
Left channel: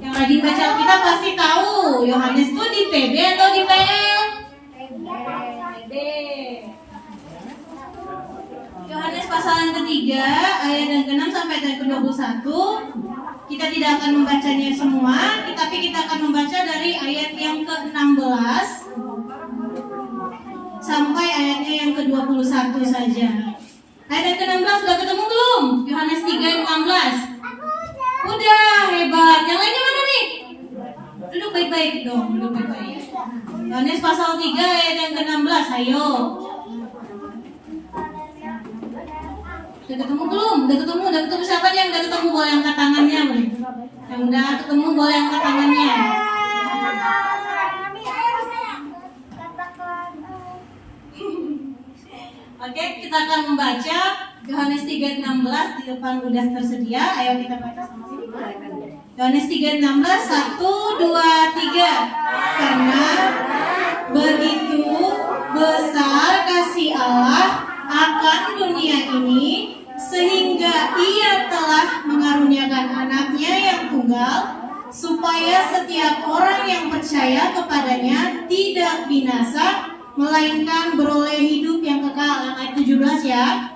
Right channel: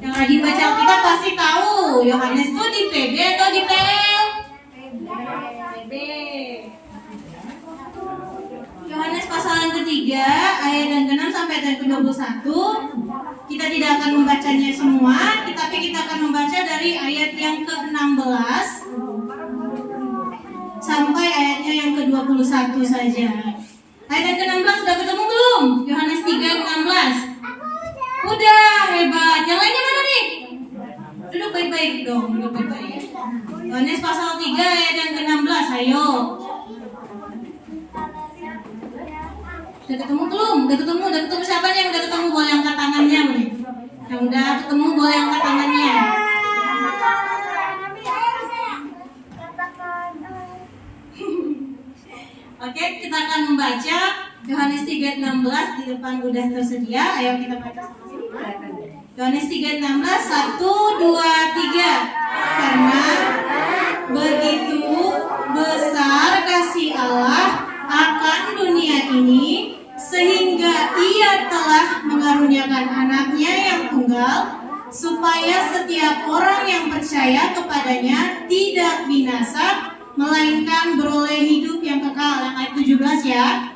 Yang rajin baca Alkitab pasti tahu Yohanes tuh di PB atau di PL? PB. Yohanes pasal yang ketiga ayat yang ke-6 sampai ayat yang ke-21. Kita tidak akan membacanya semua, tapi kita akan membaca dari ayat yang ke-16 sampai ayatnya yang ke-21 saja. Ayat yang ke-16 sudah ketemu belum? Yohanes 3 ayat 16. Udah, hebat. Yang lainnya mana nih? Duduk baik-baik dong, duduk baik-baik. Yohanes pasal 3 ayat yang ke-16, ayo. Udah ketemu belum? Udah ketemu siapa nih yang udah ketemu? Boleh angkat tangannya boleh. Yang udah ketemu boleh angkat tangannya. Oke, kita akan membaca Yohanes 3:16 di depan udah tersedia. Ayo kita baca sama-sama. Yohanes 3:16, 1, 2, 3. Karena begitu besar kasih Allah akan dunia ini, sehingga Ia telah mengaruniakan anaknya yang tunggal, supaya setiap orang yang percaya kepadanya tidak binasa, melainkan beroleh hidup yang kekal. Yang ayat 17 ya.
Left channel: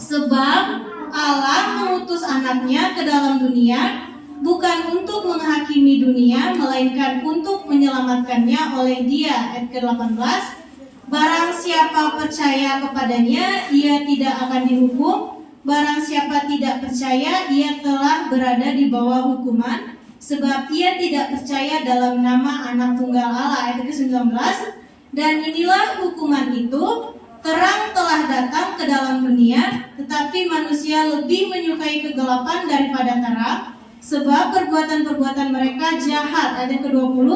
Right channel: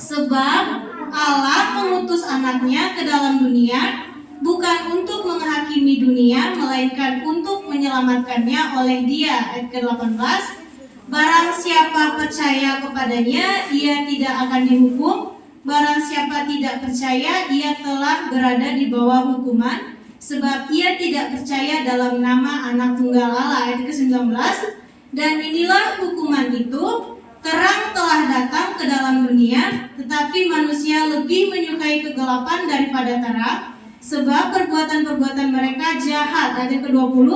Sebab Allah mengutus anaknya ke dalam dunia, bukan untuk menghakimi dunia, melainkan untuk menyelamatkannya oleh Dia. Ayat ke-18. Barang siapa percaya kepadanya, ia tidak akan dihukum. Barang siapa tidak percaya, ia telah berada di bawah hukuman, sebab ia tidak percaya dalam nama anak tunggal Allah. Ayat ke-19. Dan inilah hukuman itu, Terang telah datang ke dalam dunia, tetapi manusia lebih menyukai kegelapan daripada terang, sebab perbuatan-perbuatan mereka jahat. Ayat ke-20,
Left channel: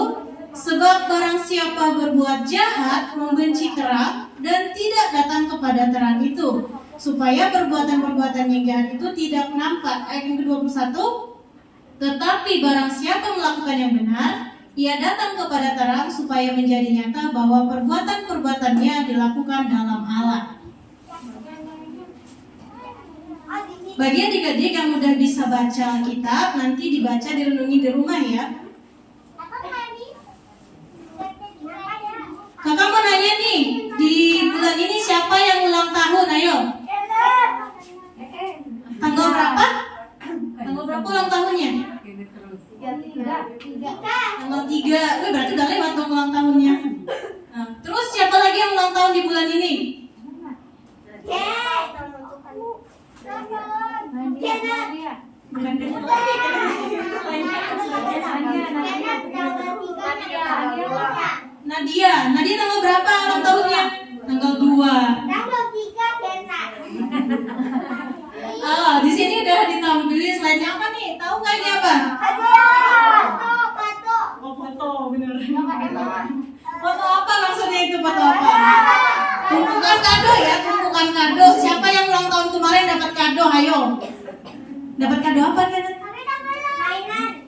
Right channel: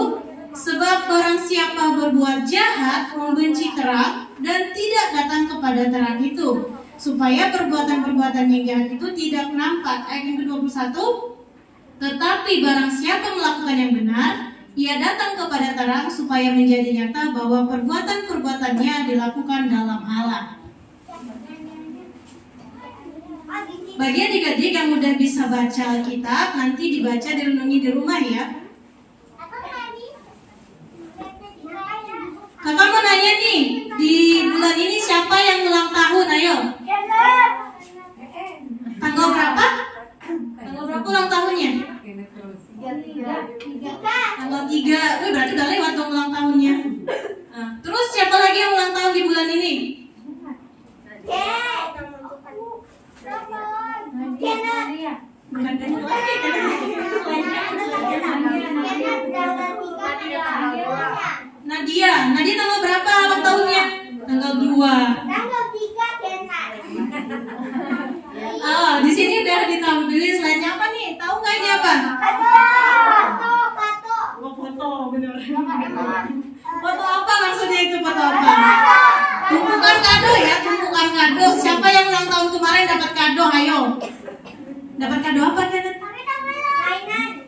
sebab barang siapa berbuat jahat membenci terang dan tidak datang kepada terang itu, supaya perbuatan-perbuatan yang jahat itu tidak nampak. Ayat yang ke-21, tetapi barang siapa melakukan yang benar, ia datang kepada terang supaya menjadi nyata bahwa perbuatan-perbuatannya dilakukan dalam Allah. Bagi adik-adik yang udah bisa baca Alkitab, nanti dibaca direnungi di rumah ya. Kakak mau nanya nih, di bulan ini siapa yang ulang tahun? Ayo. Tanggal berapa? Tanggal berapa ulang tahunnya? Tanggal 3. Wih, berarti udah lewat dong ulang tahunnya. Nah, terus siapa lagi yang ulang tahun di bulan ini? Bukan Kenneth lagi, Nadia tanggal berapa ulang tahunnya? Tanggal 2. Oh, di sini udah ditampilin slide-nya apa nih? Tahu nggak ini apa? Oh, foto, bener. Foto apa maksudnya itu, foto apa? Tumpukan kado ya, tumpukan kado. Siapa yang ulang tahun kemarin dapat kado? Ayo. Dapat kado apa kan?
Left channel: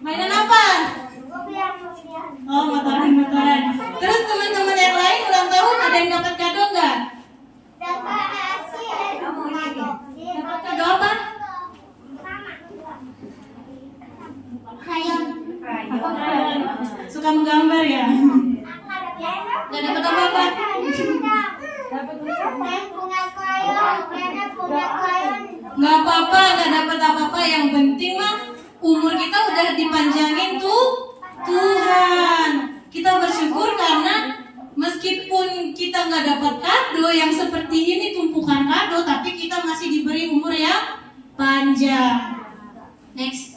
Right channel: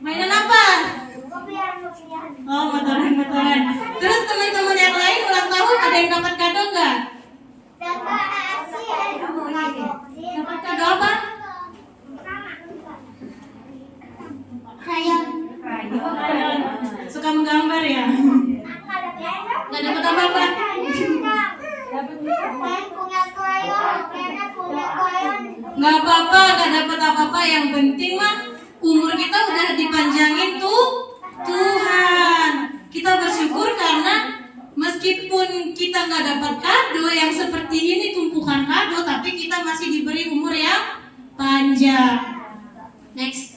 Mainan apa? Oh, motoran. Terus teman-teman yang lain ulang tahun ada yang dapat kado nggak? Dapat kado apa? Krayon. Suka menggambar ya? Nggak dapat apa-apa? Nggak apa-apa, nggak dapat apa-apa. Yang penting mah umur kita udah dipanjangin tuh Tuhan. Kita bersyukur karena meskipun kita nggak dapat kado yang seperti ini, tumpukan kado, tapi kita masih diberi umur yang panjang. Next.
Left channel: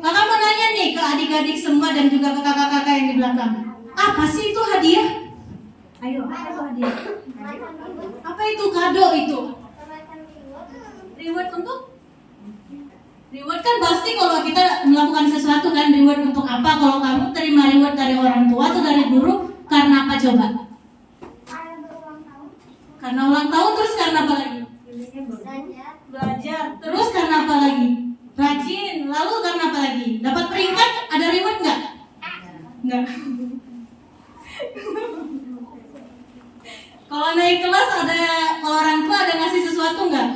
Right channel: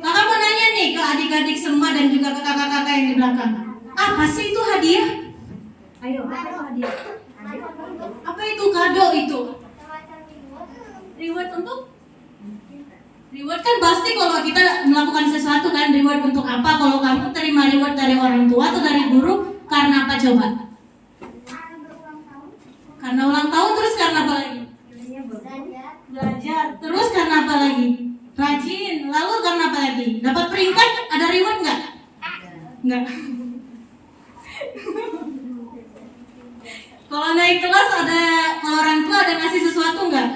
Kakak mau nanya nih ke adik-adik semua dan juga ke kakak-kakak yang di belakang. Apa sih itu hadiah? Ayo, apa itu hadiah? Apa itu kado itu? Reward untuk? Reward kan pasti kalau kita melakukan sesuatu kan, reward untuk apa? Kalau kamu terima reward dari orang tua atau dari guru, karena apa coba? Karena ulang tahun, terus karena apa lagi? Belajar. Terus karena apa lagi? Rajin. Lalu karena apa lagi? Dapat peringkat, ada reward nggak? Nggak. Kalau naik kelas ada, kalau orang tua ada ngasih sesuatu nggak?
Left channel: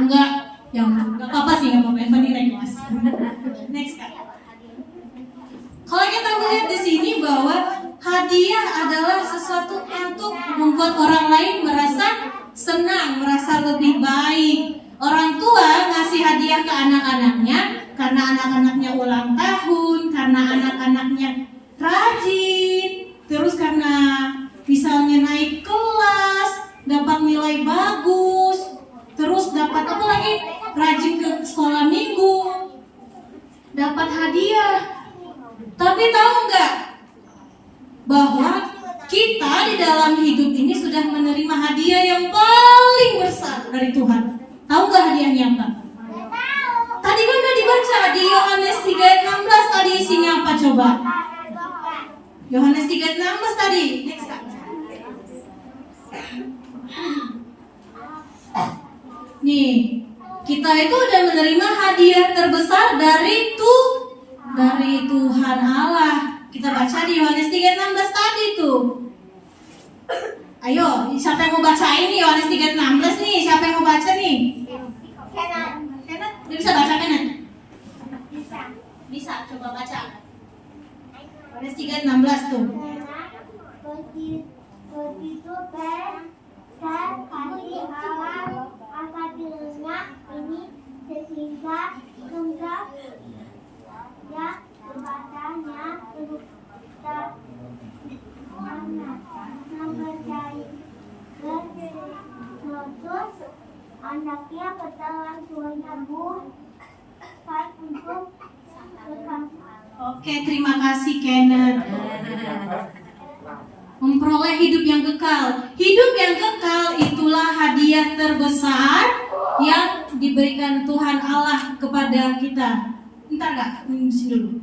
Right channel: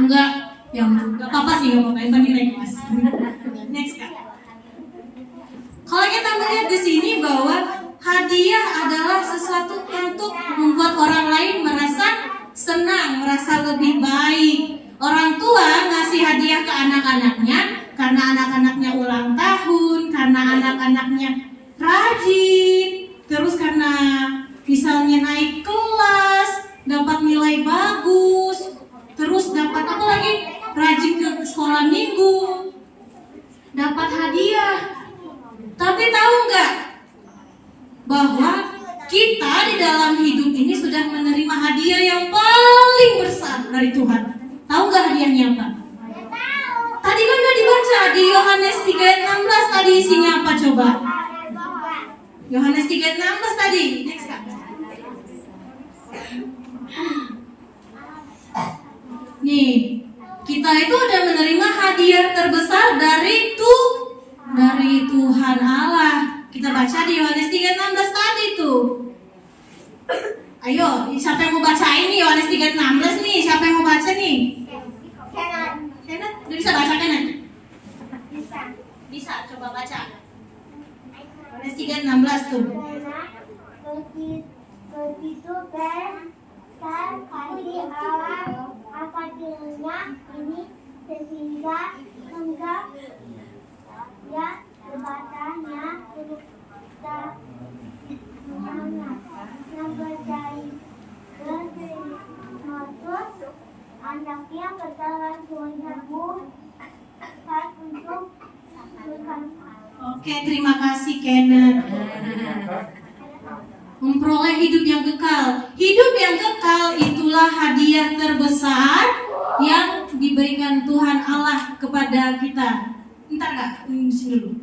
Enggak. Ya nggak apa-apa sih, nggak apa-apa. Yang penting naik kelas. Next Kak. Kalau kita melihat di sini bahwa hadiah adalah sesuatu untuk membuat orang lain merasa senang, merasa lebih baik. Orang tua ngasih hadiah ke anak-anaknya karena anak-anaknya ulang tahun, karena anak-anaknya rajin, terus karena misalnya naik kelas, dapat nilai bagus, terus dapat apa lagi? Rajin ke sekolah minggu, dapat hadiah. Tapi tahu nggak bahwa kita di dalam hidup ini sudah menerima hadiah yang paling besar dari Tuhan. Tahu nggak hadiahnya apa? Tadi kan udah dibaca di Yohanes 3:16, tadi isinya apa coba? Yohanes 3:16 tadi. Next. Nih, kita itu udah menerima hadiah terbesar dari Tuhan Allah. Kita baca di Yohanes 3:16 tadi tuh. Ayo, siapa yang mau baca ini Yohanes 3:16 nih? Siapa yang mau baca nih? Kenan, bisa baca Kenan? Bisa, coba baca. Yohanes 3:16 tuh. Begitu besar kasih Allah akan dirinya ini sehingga enggak ya kepadanya sudah mempercayai Kristus anaknya ke dalam Tuhan kamu untuk Oke, terima kasih Kenan. memperoleh hidup yang kekal. Hidup yang kekal itulah hadiah terbesar yang diberikan Tuhan Allah kepada kita. Bentar kak, sini dulu.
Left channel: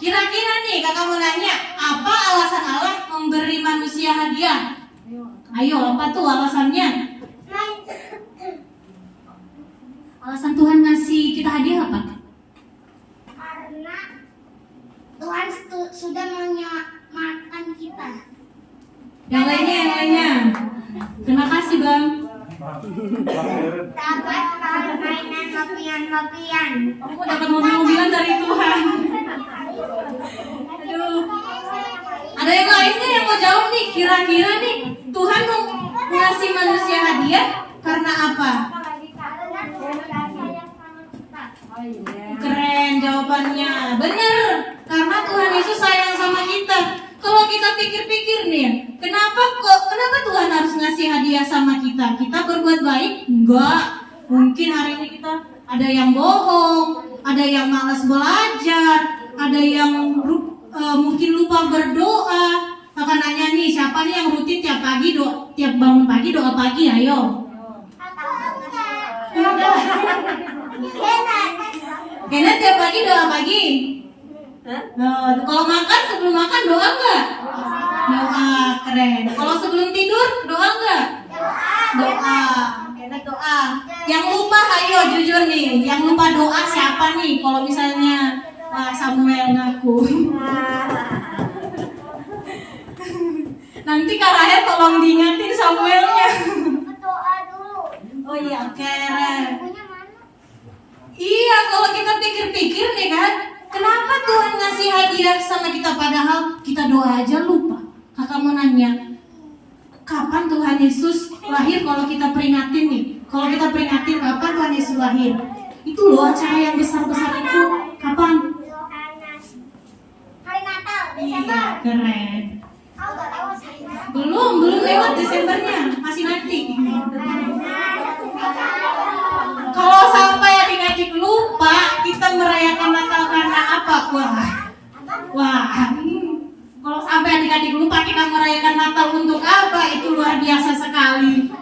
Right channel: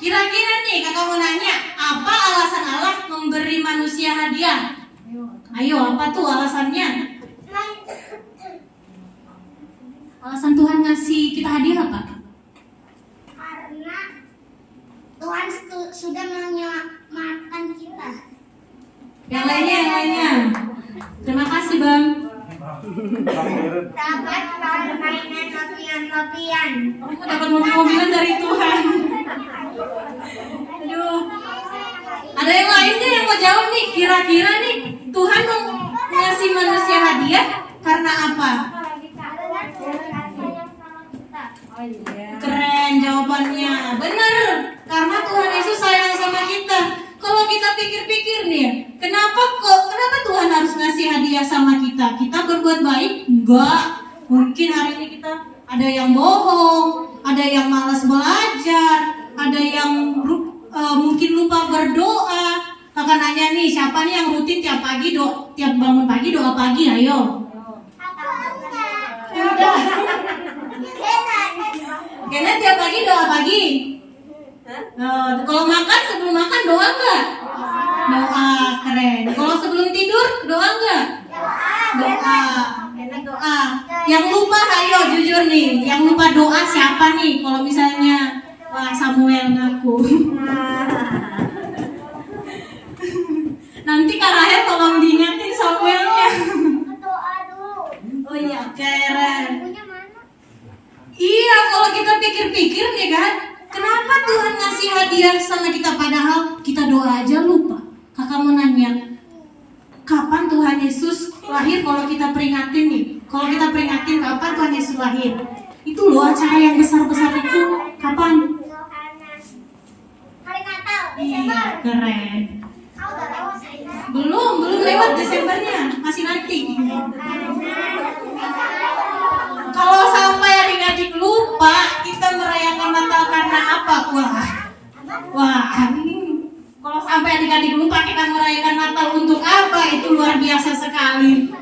Kira-kira nih kakak mau nanya, apa alasan Allah memberi manusia hadiah? Ayo, apa tuh alasannya? Alasan Tuhan ngasih kita hadiah apa? Karena Tuhan sudah menyelamatkan kita. Yang lainnya. Terima kasih Bang. Dapat mainan lopian-lopian. Aku dapat mobil-mobilan dari Tuhan. Aduh. Ada yang lainnya yang mau jawab nih? Kira-kira nih Tuhan mau ngasih manusia hadiah karena apa? Keren jawabannya. Bener. Karena Tuhan Yesus sayang sama kita. Kalau kita pikir-pikir nih ya, kenapa Tuhan harus ngasih hadiah sama kita? Kita berbuat baik? Enggak. Mungkin hari ini kita ada yang bohong, ada yang malas belajar, ada yang mungkin lupa berdoa. Kakak nanya nih, siapa nih yang rutin tiap bangun pagi doa pagi? Ayo. Kayaknya tiap pagi doa pagi. Kalau makan, sebelum makan doa enggak? Doa, keren. Kalau sebelum tidur doa enggak? Doa. Kayaknya doa. Yang lupa ayo jujur nih, yang lupa doa siapa nih? Kalau misalnya Samuel ngaku. Nanti Kak Rahel tolong diingetin Samuelnya. Doa dulu. Oh iya, keren. Punya mana? Iya, kalau kita pikir-pikir nih kan, kenapa Tuhan ngasih hadiah sama kita padahal kita doa aja lupa? Kakak mau nanya, kapan Tuhan Yesus lahir kalau kita peringatin nih? Kalau kita peringatin kapan Tuhan Yesus lahir? Itu loh acara yang besar-besar itu. Kapan? Hari Natal, Iya, Desember. keren. Kau udah lewat hari Natal. Belum lewat Desembernya, masih nanti. Kalau sampai adik-adik lupa, kita merayakan Natal karena apa? Wah. Kalau sampai adik-adik lupa kita merayakan Natal untuk apa? Itu luar biasa sekali.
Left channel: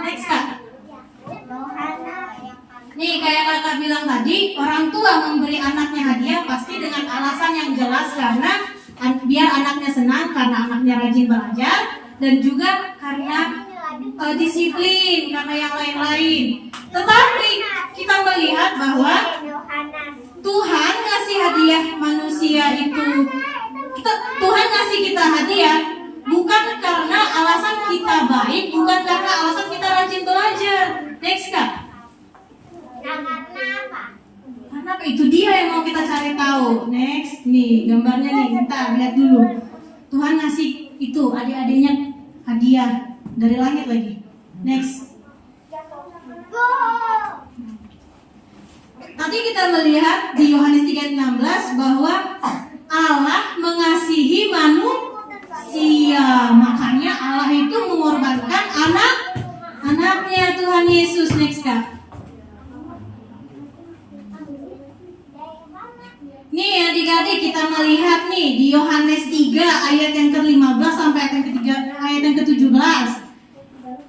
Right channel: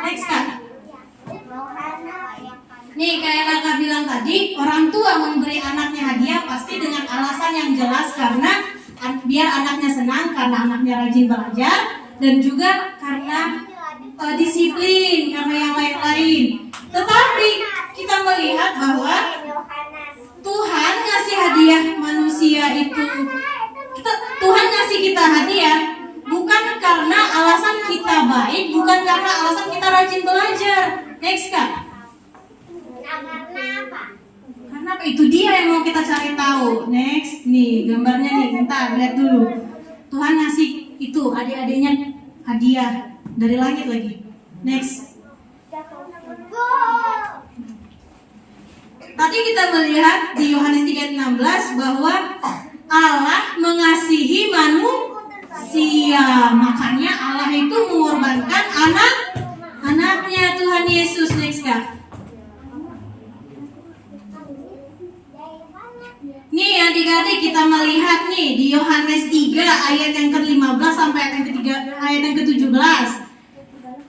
Next Kak. Nih kayak kakak bilang tadi, orang tua memberi anaknya hadiah pasti dengan alasan yang jelas karena biar anaknya senang, karena anaknya rajin belajar, dan juga karena disiplin, karena yang lain-lain. Tetapi kita melihat bahwa Tuhan ngasih hadiah manusia itu, Tuhan ngasih kita hadiah bukan karena alasan kita baik, bukan karena alasan kita rajin belajar. Next Kak. Karena apa? Karena apa? Itu dia yang mau kita cari tahu. Next, nih gambarnya nih, kita lihat dulu. Tuhan ngasih itu adik-adiknya hadiah dari langit lagi. Next. Tadi kita melihat di Yohanes 3:16 bahwa Allah mengasihi manusia. Makanya Allah itu mengorbankan anaknya Tuhan Yesus. Next Kak. Nih adik-adik kita melihat nih di Yohanes 3 ayat yang ke-15 sampai ayat yang ke-17.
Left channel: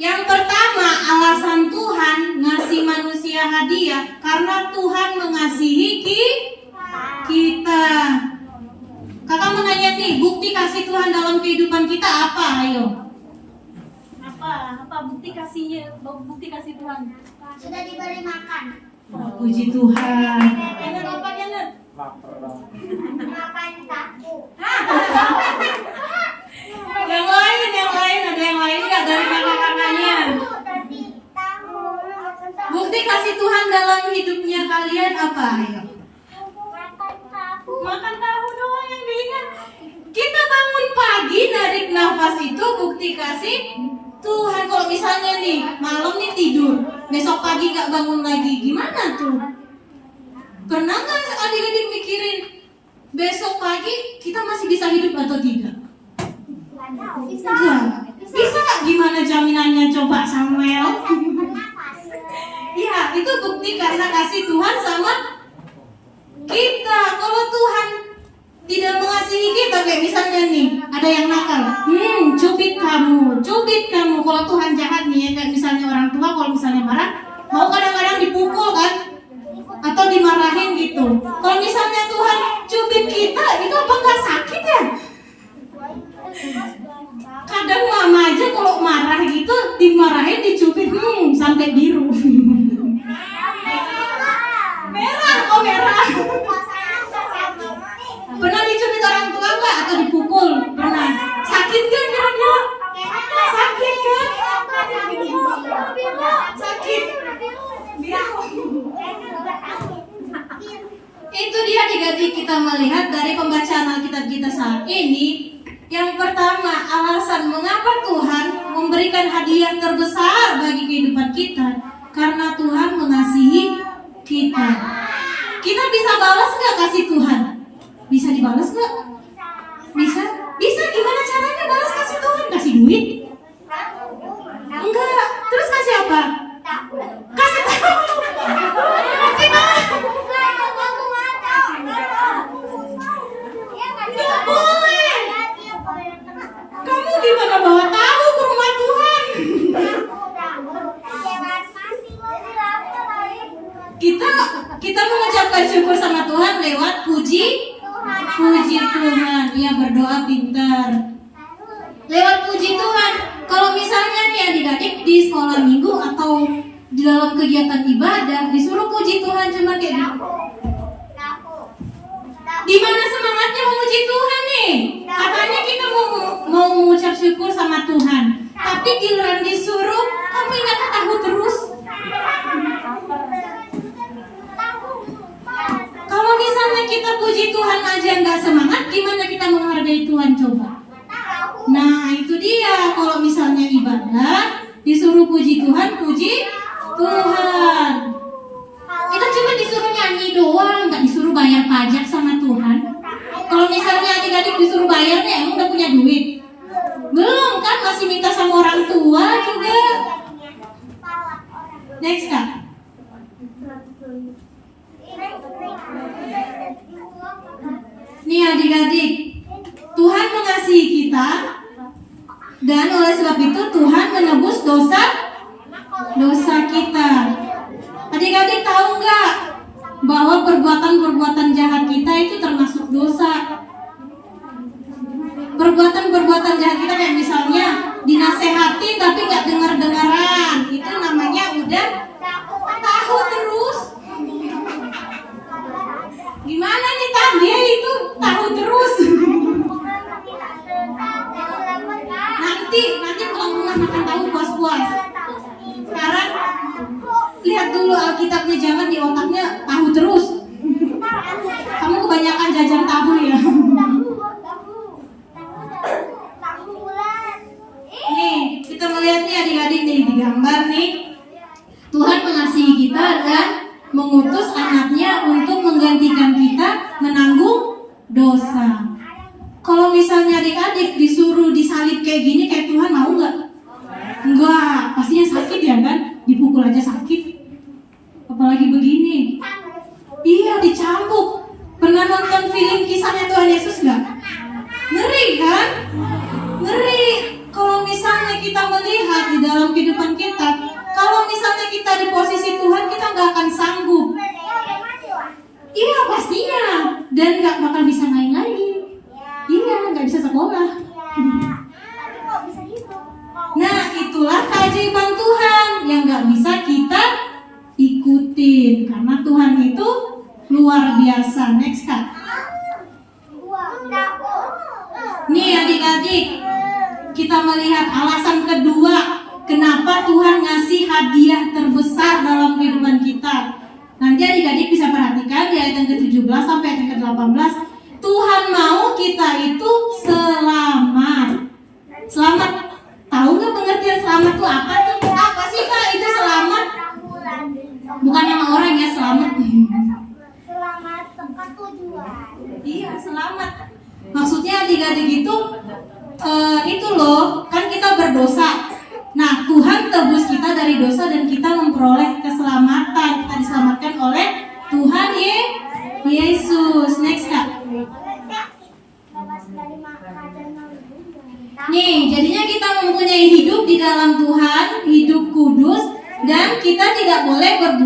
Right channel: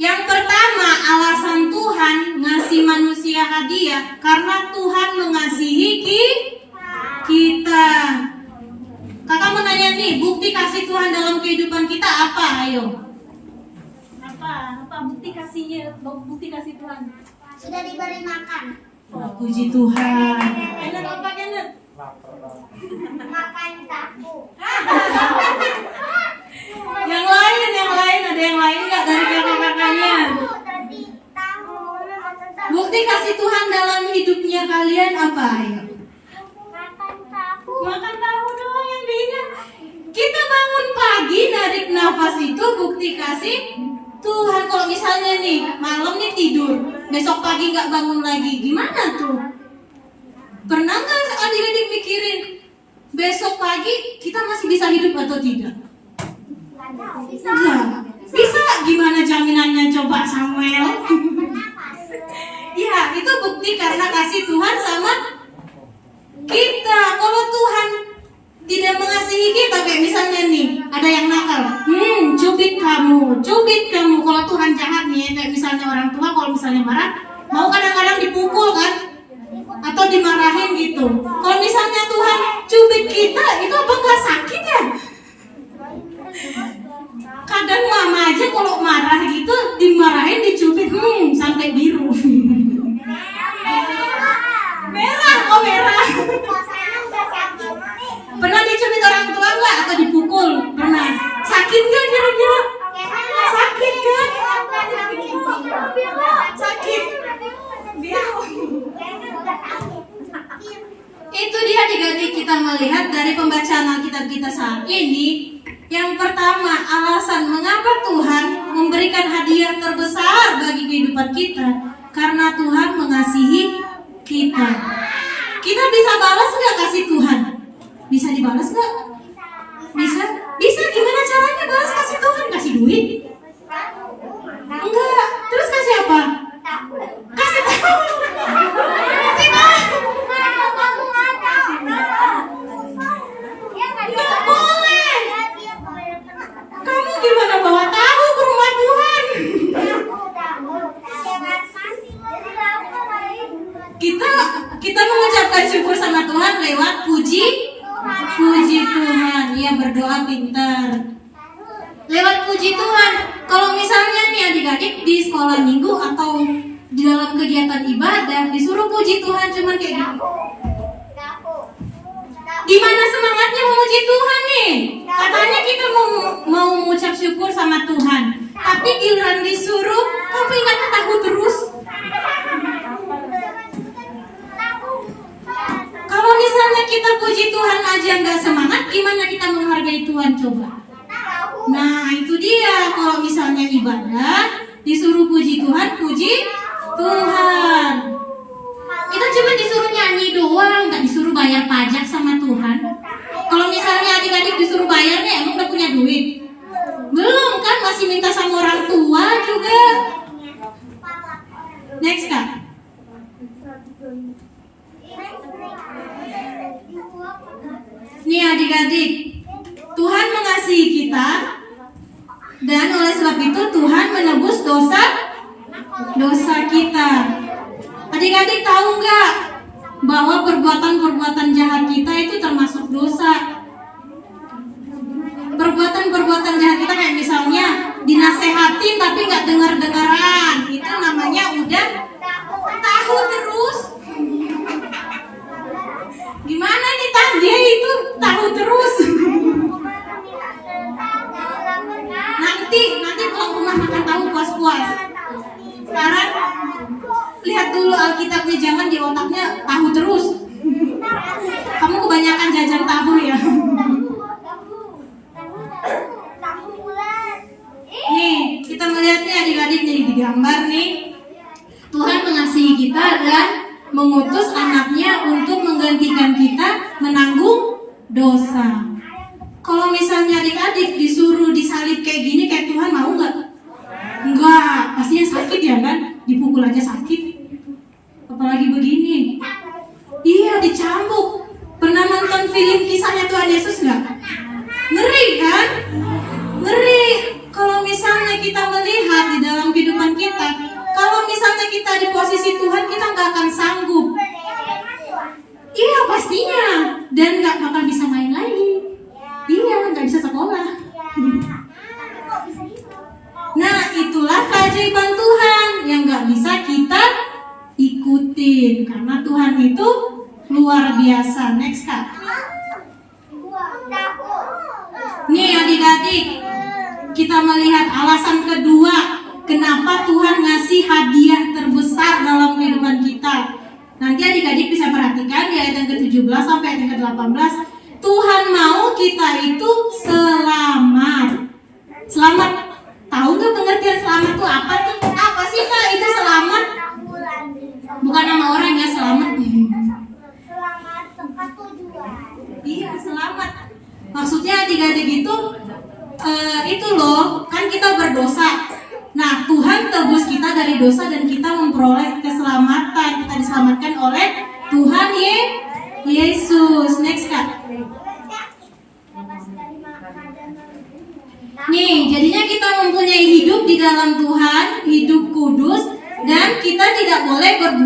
Yang pertama, alasan Tuhan ngasih manusia hadiah karena Tuhan mengasihi kita. Kakak mau nanya nih, bukti kasih Tuhan dalam kehidupan kita apa? Ayo. Apa bukti kasih Tuhan? Sudah diberi makan. Oh, puji Tuhan. Enak apa Kenneth? Makan tahu. Yang lain ada yang lain nggak dari kakak-kakaknya? Tadi tahu. Bukti kasih Tuhan dalam hidupnya kalian apa? Ayo. Makan tahu. Makan tahu doang yang diingat. Kita bangun pagi narik nafas itu bukti kasih Tuhan. Kalau misalnya nih malam nih tidur, besok pagi nggak bangun lagi, gimana tuh? Pernah nggak adik-adik mikirin besok pagi kita masih bisa hidup atau tidak? Bisa. Bisa. Gimana jaminannya coba Samuel? Ya, itu bukti karena kasih Tuhan sama kita. Kalau Tuhan tidak mengasihi kita, kayak misalnya kamu, cubit kamu. Kalau Tuhan jahat nih, kayak misalnya orang tua kalau misalnya marah, mau kadang-kadang dipukul kan, atau dimarahin gitu. Kalau misalnya Tuhan cubit kita, itu apa nggak sakit ya? Kadang mama aja kalau marah gitu, dimarahin, dicubit, sampai biru. Merah, oh merah. Pernah dicubit orang tua nggak atau dipukul? Pernah. Sakit nggak kira-kira? Sakit kan? Sakit. Itu dia adik-adik, kita melihat dari pembacaan Alkitab kita saat ini. Yang pertama, alasan mengapa Tuhan memberikan hadiah terbesar bagi kehidupan kita, karena Tuhan mengasihi kita. Kita bisa balas nggak kasih Tuhan? Bisa dibalas nggak? Bisa? Bisa, gimana caranya balas kasih Tuhan? Kasih duit? Enggak. Terus kasih apa? Kasih tahu. Kasih tahu. Nggak boleh. Kamu gimana bawa tahu ke rumah Tuhan? Kita mengucapkan syukur sama Tuhan lewat puji Tuhan. Ya, berdoa pintar. Lewat puji Tuhan. Kalau misalnya nih adik-adik di sekolah minggu atau di dalam kegiatan ibadah disuruh puji Tuhan cuma kayak gitu. Gimana semangatnya memuji Tuhan nih? Katanya kita mau mengucap syukur sama Tuhan, tapi giliran disuruh kamu ingat tahu terus. Kalau misalnya kita puji Tuhan aja nggak semangat, gimana kita menghargai Tuhan coba? Nah itu dia, kalau misalnya ibadah disuruh puji Tuhan, puji Tuhan. Kita cuma disuruh nyanyi doang, nggak disuruh bayar pajak sama Tuhan. Kalau misalnya adik-adik disuruh bayar nih, emang udah punya duit? Belum kan, masih minta sama orang tua juga. Next Kak. Nih adik-adik, Tuhan mengasihi kita, dan oleh sebab itu Tuhan menebus dosa kita. Adik-adik tahu nggak bahwa perbuatan-perbuatan jahat kita itu termasuk dosa? Perbuatan-perbuatan jahat kita kayak misalnya dinasehatin tapi nggak dengar-dengaran, itu namanya udah tahu terus. Gimana ini dia itu tahu terus? Nanti pulang rumah makan tahu puas-puas. Sekarang lihat dulu Alkitabnya, jangan di otaknya tahu terus. Kamu kebanyakan jajan tahu ya. Nih, kita melihat nih adik-adik nih di gambar nih. Tuhan mengasihi kita dan mengutus anaknya untuk menggantikan kita menanggung dosa. Kalau misalnya adik-adik disuruh disalib kayak gini, kayak Tuhan mau nggak? Enggak, pastinya sakit ya kan? Dipukul aja sakit. Apalagi begini. Iya, dicambuk. Pernah nonton film kisahnya Tuhan Yesus nggak? Ngeri kan? Ngeri. Kalau misalnya kita melihat di dalam kehidupan kita, kalau misalnya kita di posisi Tuhan, kita nggak akan sanggup. Iya pastinya. Dan nggak bakal bisa main lagi. Iya, nggak bisa sekolah. Nah, itulah keajaiban Tuhan yang nggak bisa kita ikutin, karena Tuhan itu luar biasa. Next Kak. Nih adik-adik, kita melihat alasan kedua kenapa Tuhan ngasih hadiah terbesar dalam kehidupan kita. Nanti adik-adik bisa perhatikan di ayat yang ke-17 sampai ayat yang ke-18. Tuhan mau kita itu selamat. Selamat. Tahu nggak pengertian selamat itu apa tuh? Apa sih Kak itu selamat? Bukan nama orang ya, selamat. Selamat tempat tujuan. Iya, selamat. Maksudnya adik-adik itu loh, kan kita berdosa. Nah, Tuhan tebus kita dari dosa dan kita memperoleh keselamatan. Kita diselamatkan oleh Tuhan Yesus. Next Kak. Nih, jadinya kita mempunyai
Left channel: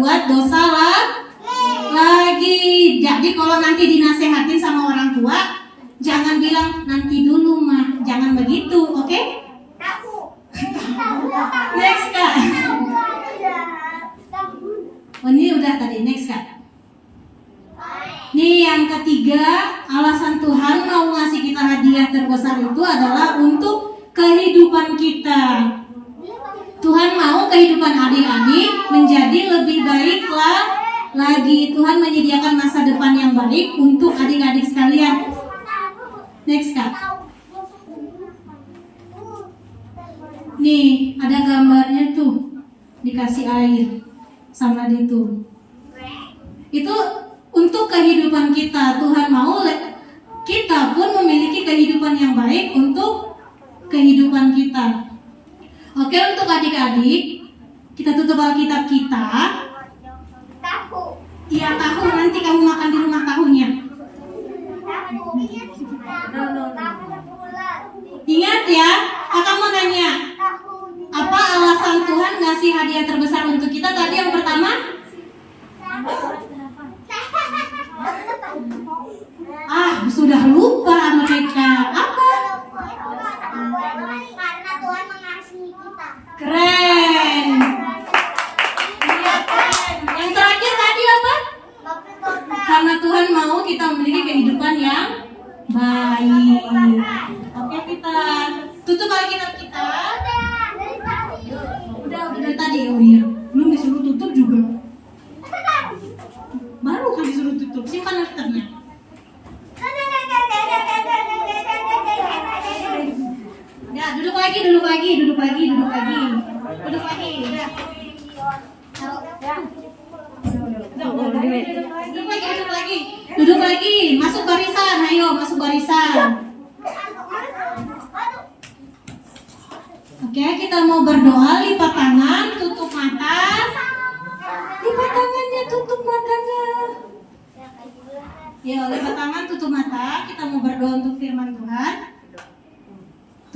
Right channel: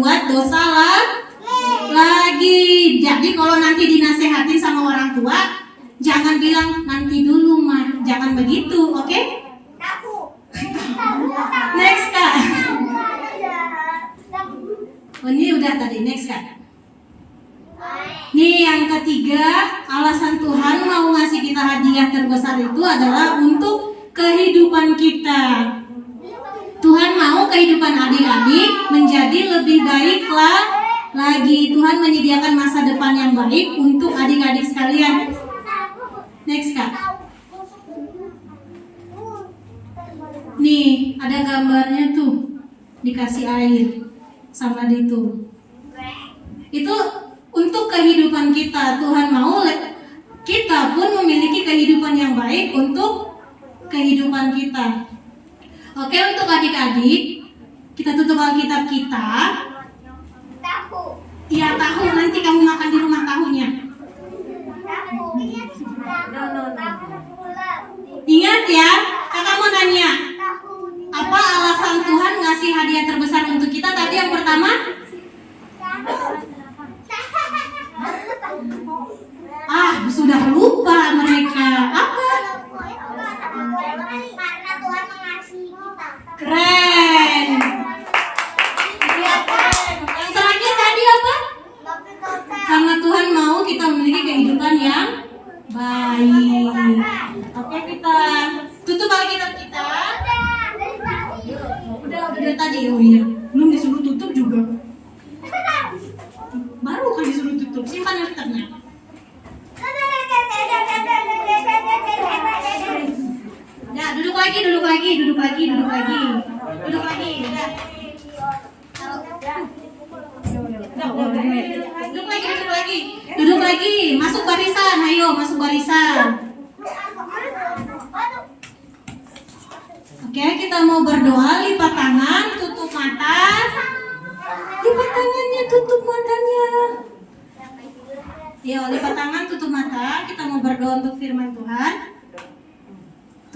berbuat dosa lagi. Jadi kalau nanti dinasehatin sama orang tua, jangan bilang nanti dulu mah, jangan begitu, oke? Next Kak. Oh, ini udah tadi, next Kak. Nih yang ketiga, alasan Tuhan mau ngasih kita hadiah terbesar itu adalah untuk kehidupan kita. Tuhan mau kehidupan adik-adik menjadi lebih baik lagi. Tuhan menyediakan masa depan yang baik untuk adik-adik sekalian. Next Kak. Nih ada gambarnya tuh, dikasih air sama itu. Itu untuk kehidupan kita. Tuhan mau kita pun memiliki kehidupan yang baik untuk kehidupan kita. Oke, untuk adik-adik, kita tutup Alkitab kita. Iya, tahu. Nanti kamu makan di rumah tahunya. Ingat ya, kakak mau nanya, apa alasan Tuhan ngasih hadiah terbesar untuk kita? Tadi yang pertama, sudah lupa mereka. Apa? Karena Tuhan mengasihi kita. Keren. Iya, keren. Yang terakhir tadi apa? Karena Tuhan mau kita memiliki kehidupan yang baik. Oke, kita tutup Alkitab kita. Udah tadi. Oh iya, belum disuruh tutup juga. Baru kan disuruh tutup. Simpan Alkitabnya. Nah, duduk lagi. Duduk lagi. Masuk barisan. Ayo, masuk barisan. Oke, kita mau berdoa. Lipat tangan, tutup mata. Lipat tangannya, tutup matanya. Yo, lipat tangan, tutup mata. Kita mau berdoa untuk firman Tuhan.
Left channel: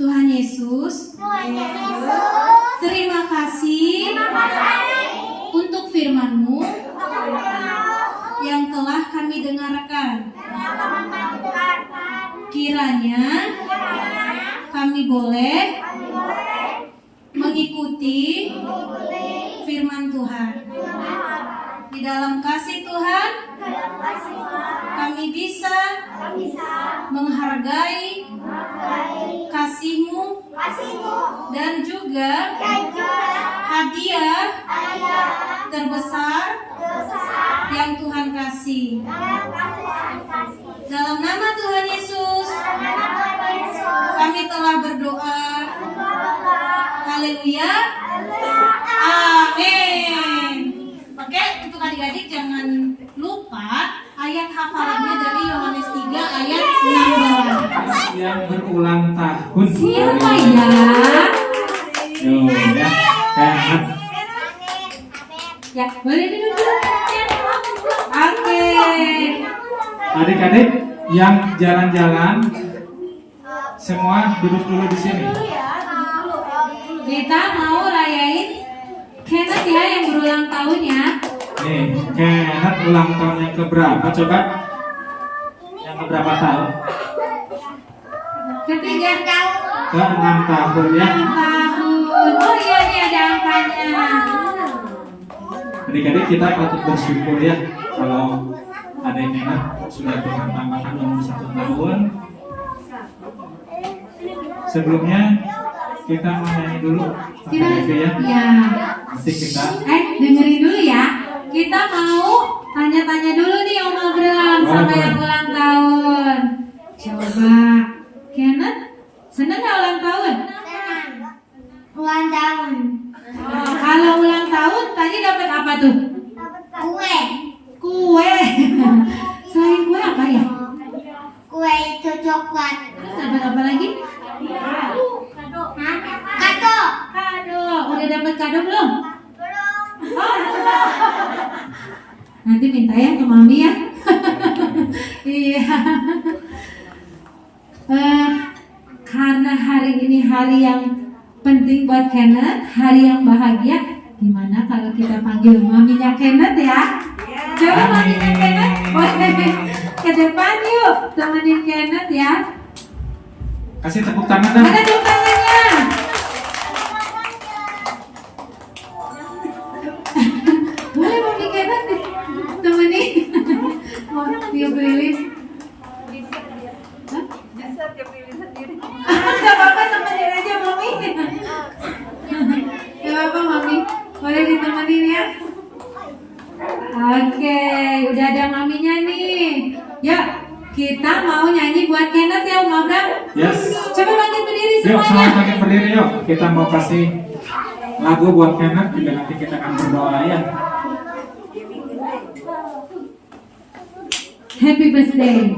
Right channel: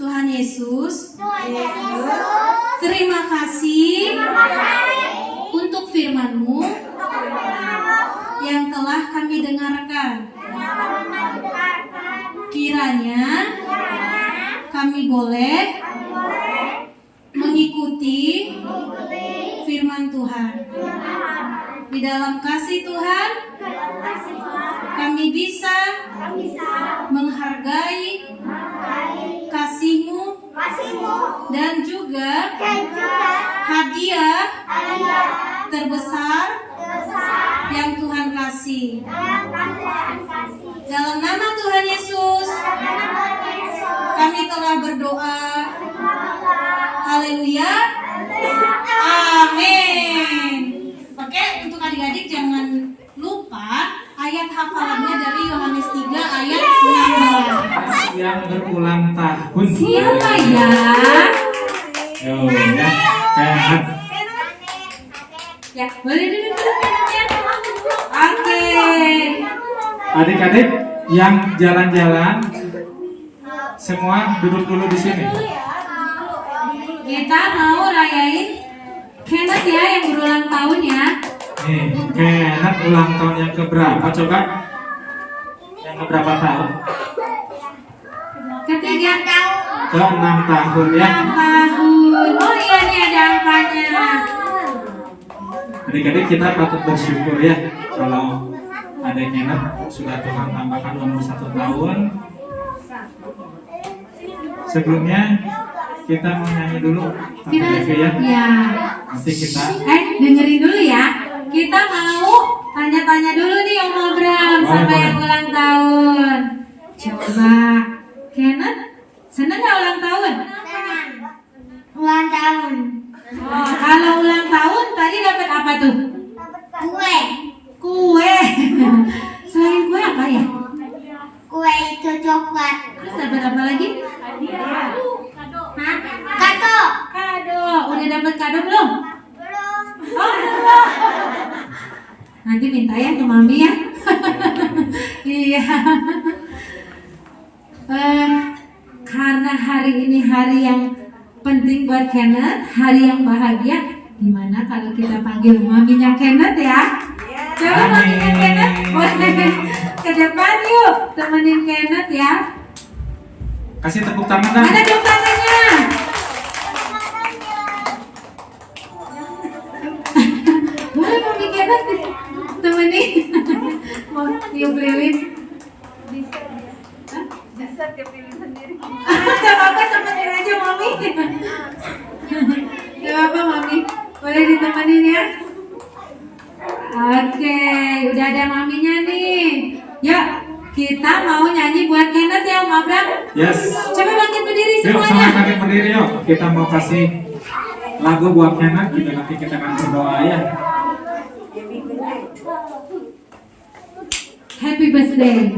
Tuhan Yesus, terima kasih untuk firman-Mu yang telah kami dengarkan. Kiranya kami boleh mengikuti firman Tuhan. Di dalam kasih Tuhan, kami bisa menghargai kasih-Mu dan juga hadiah terbesar yang Tuhan kasih. Dalam nama Tuhan Yesus, kami telah berdoa. Haleluya. Amin. Oke, untuk adik-adik jangan lupa ayat hafalannya dari Yohanes 3 ayat 16. Yang berulang tahun. Siapa ya? Yo, ya. Sehat. Ya, boleh duduk. Oke. Adik-adik yang jalan-jalan semua duduk dulu di sini. Kita mau rayain Kenneth ya yang berulang tahun ya. Nih, Kenneth ulang tahun yang keberapa coba? Yang keberapa tahun? Ketiga Ke-6 tahun ya. 6 tahun. Oh iya nih ada angkanya. Adik-adik kita patut bersyukur ya kalau ada Kenneth sudah Tuhan tambahkan umur 1 tahun. Sebelumnya kita mau nyanyi dulu Kita ya. ya. Nanti kita Dengerin dulu ya. Kita mau tanya-tanya dulu nih Om Abraham sama yang ulang tahun. Coba Kenneth, seneng gak ulang tahun? Ulang tahun. Oh, kalau ulang tahun tadi dapat apa tuh? Kue. Kue. Selain kue apa ya? Kue itu coklat. Terus dapat apa lagi? Hah? Kado. Kado. Udah dapat kado belum? Belum. Oh, belum. Nanti minta ya ke mami ya. Iya. Karena hari ini hari yang penting buat Kenneth, hari yang bahagia, Gimana kalau kita panggil maminya Kenneth ya? Coba maminya Kenneth, boleh ke depan yuk, temenin Kenneth ya. Kasih tepuk tangan dah. Mana tepuk tangannya? Boleh mami Kenneth temenin. Mau tiup lilin? Hah? Gak apa-apa, temenin aja mami. Gak apa-apa mami, boleh ditemenin ya. Oke, udah ada maminya nih. Yuk, kita mau nyanyi buat Kenneth ya Om Abram. Yes. Coba bangkit berdiri Yuk, semuanya. semuanya bangkit berdiri yuk. Kita mau kasih lagu buat Kenneth, juga nanti kita akan berdoa ya. Happy birthday.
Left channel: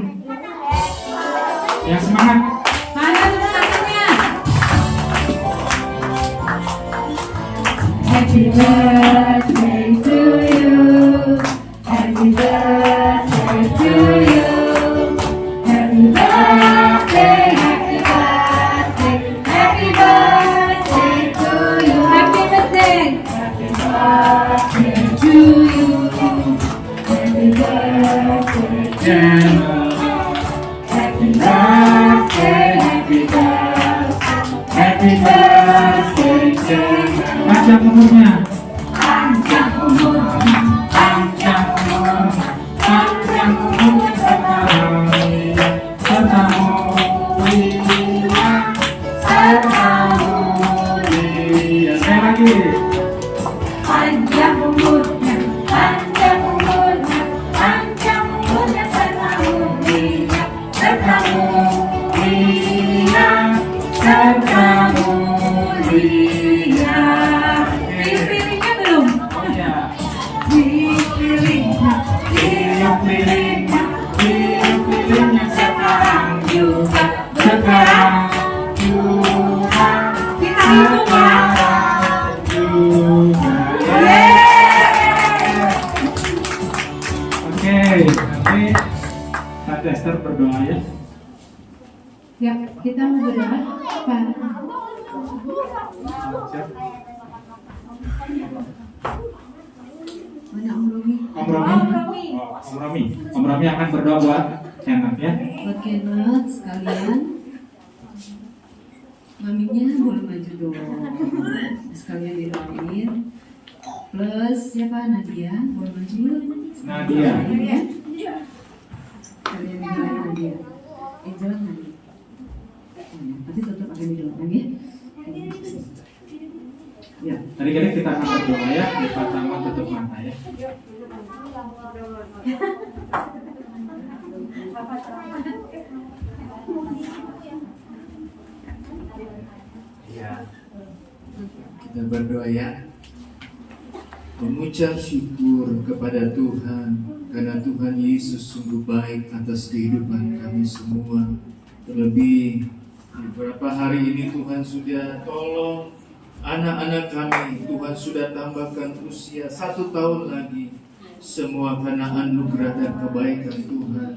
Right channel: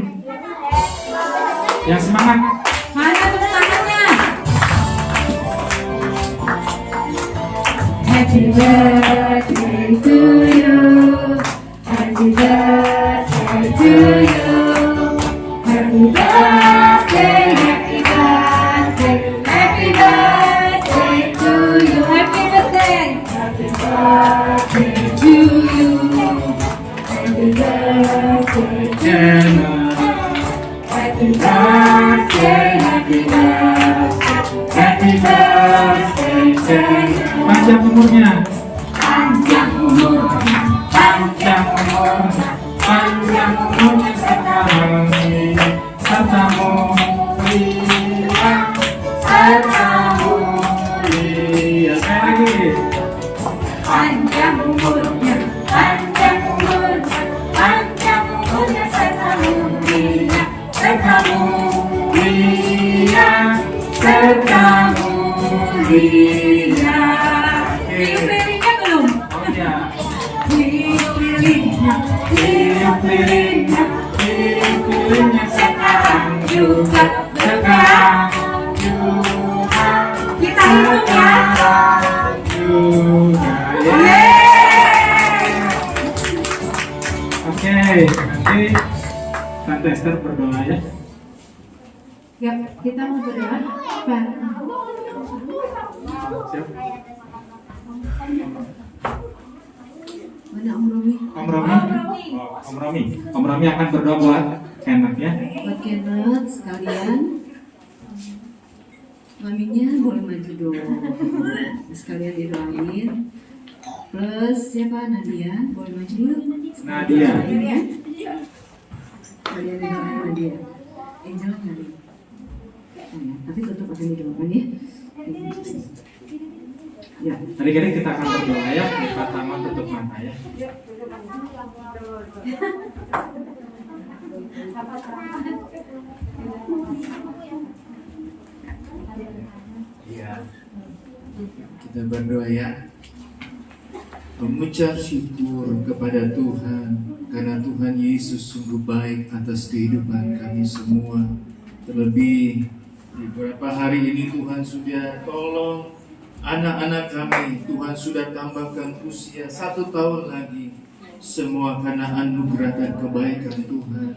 Yang semangat. Mana tepuk tangannya? Happy birthday to you. Happy birthday to you. Happy birthday, happy birthday, happy birthday to you. Happy birthday. Happy birthday to you. Happy birthday to you. Happy birthday, happy birthday, happy birthday to you. Panjang umurnya. Panjang umurnya, Panjang umurnya. Panjang umurnya sekarang. Serta mulia. Serta mulia. Sekali lagi. panjang umurnya, panjang umurnya, panjang umurnya serta mulia, serta mulia, serta mulia. Tiup lilinnya belum? Oh ya. Tiup lilinnya, Tiup lilinnya. Tiup lilinnya sekarang juga. Sekarang juga. kita hitung ya. Oke, nanti Tante Esther berdoa ya. Ya, kita mau berdoa. Pak. Siap. Mana Om Romi? Om Romi. Oh, Om Romi. Om Romi akan berdoa buat Kenneth ya. Buat Kenneth sekalian. Maminya boleh maju dong. Sekalian didoain. Plus siapa Nadia? Boleh maju yuk. Nadia. Ya. Sekalian didoain Nadia. Angel Nadia. Oh, ya. Tapi tetap akan didoakan ya. Ya. Tadi kita akan berdoa ya. Lipat tangan, tutup mata ya. Ya, kita berdoa ya. Mengucap syukur kepada Tuhan karena Tuhan Yesus sungguh baik atas kehidupan kami semua. Terlebih beberapa hari ini Tuhan sudah tolong anak-anak kami. Tuhan sudah tambahkan usia 1 tahun lagi. Semua karena anugerah dan kebaikan Tuhan.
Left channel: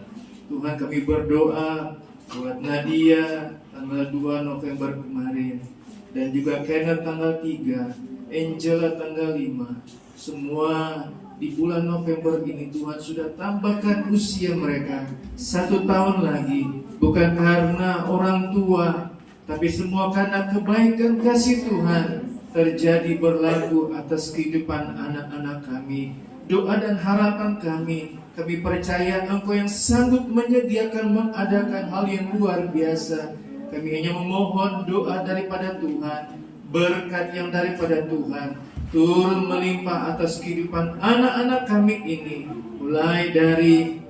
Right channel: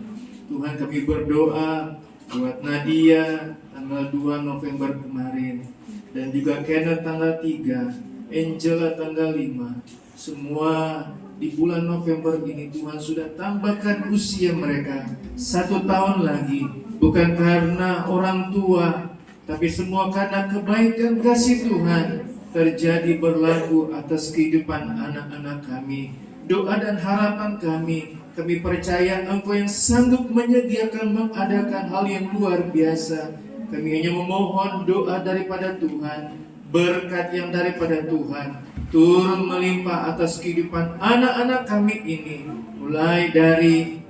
Tuhan, kami berdoa buat Nadia tanggal 2 November kemarin, dan juga Kenneth tanggal 3, Angela tanggal 5. Semua di bulan November ini Tuhan sudah tambahkan usia mereka 1 tahun lagi. Bukan karena orang tua, tapi semua karena kebaikan kasih Tuhan terjadi berlaku atas kehidupan anak-anak kami. Doa dan harapan kami percaya Engkau yang sanggup menyediakan mengadakan hal yang luar biasa. Kami hanya memohon doa daripada Tuhan, berkat yang daripada Tuhan turun melimpah atas kehidupan anak-anak kami ini, mulai dari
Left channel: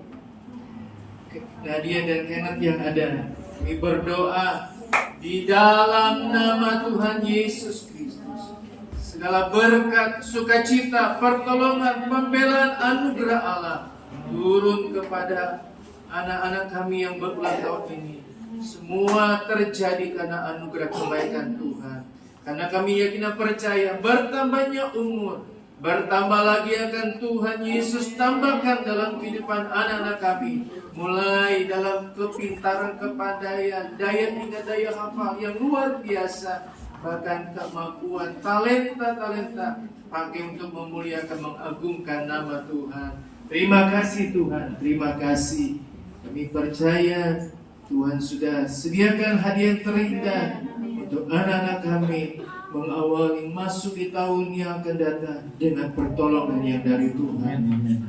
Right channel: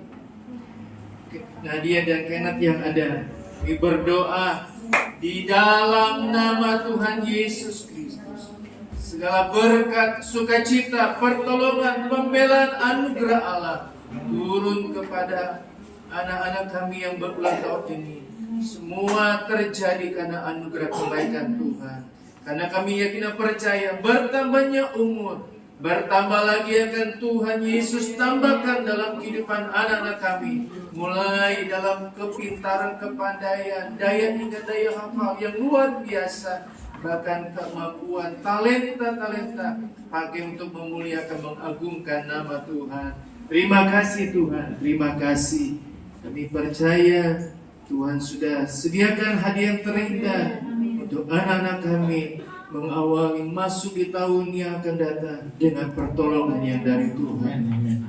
Nadia dan Kenneth yang ada. Kami berdoa di dalam nama Tuhan Yesus Kristus, segala berkat, sukacita, pertolongan, pembelaan, anugerah Allah turun kepada anak-anak kami yang berulang tahun ini. Semua terjadi karena anugerah kebaikan Tuhan. Karena kami yakin dan percaya bertambahnya umur, bertambah lagi akan Tuhan Yesus tambahkan dalam kehidupan anak-anak kami. Mulai dalam kepintaran, kepandaian, daya hingga daya hafal yang luar biasa. bahkan kemampuan, talenta-talenta pakai untuk memuliakan, mengagungkan nama Tuhan. Terima kasih Tuhan, terima kasih. Kami percaya Tuhan sudah sediakan hadiah terindah untuk anak-anak kami mengawali masuk di tahun yang akan datang dengan pertolongan yang dari Tuhan.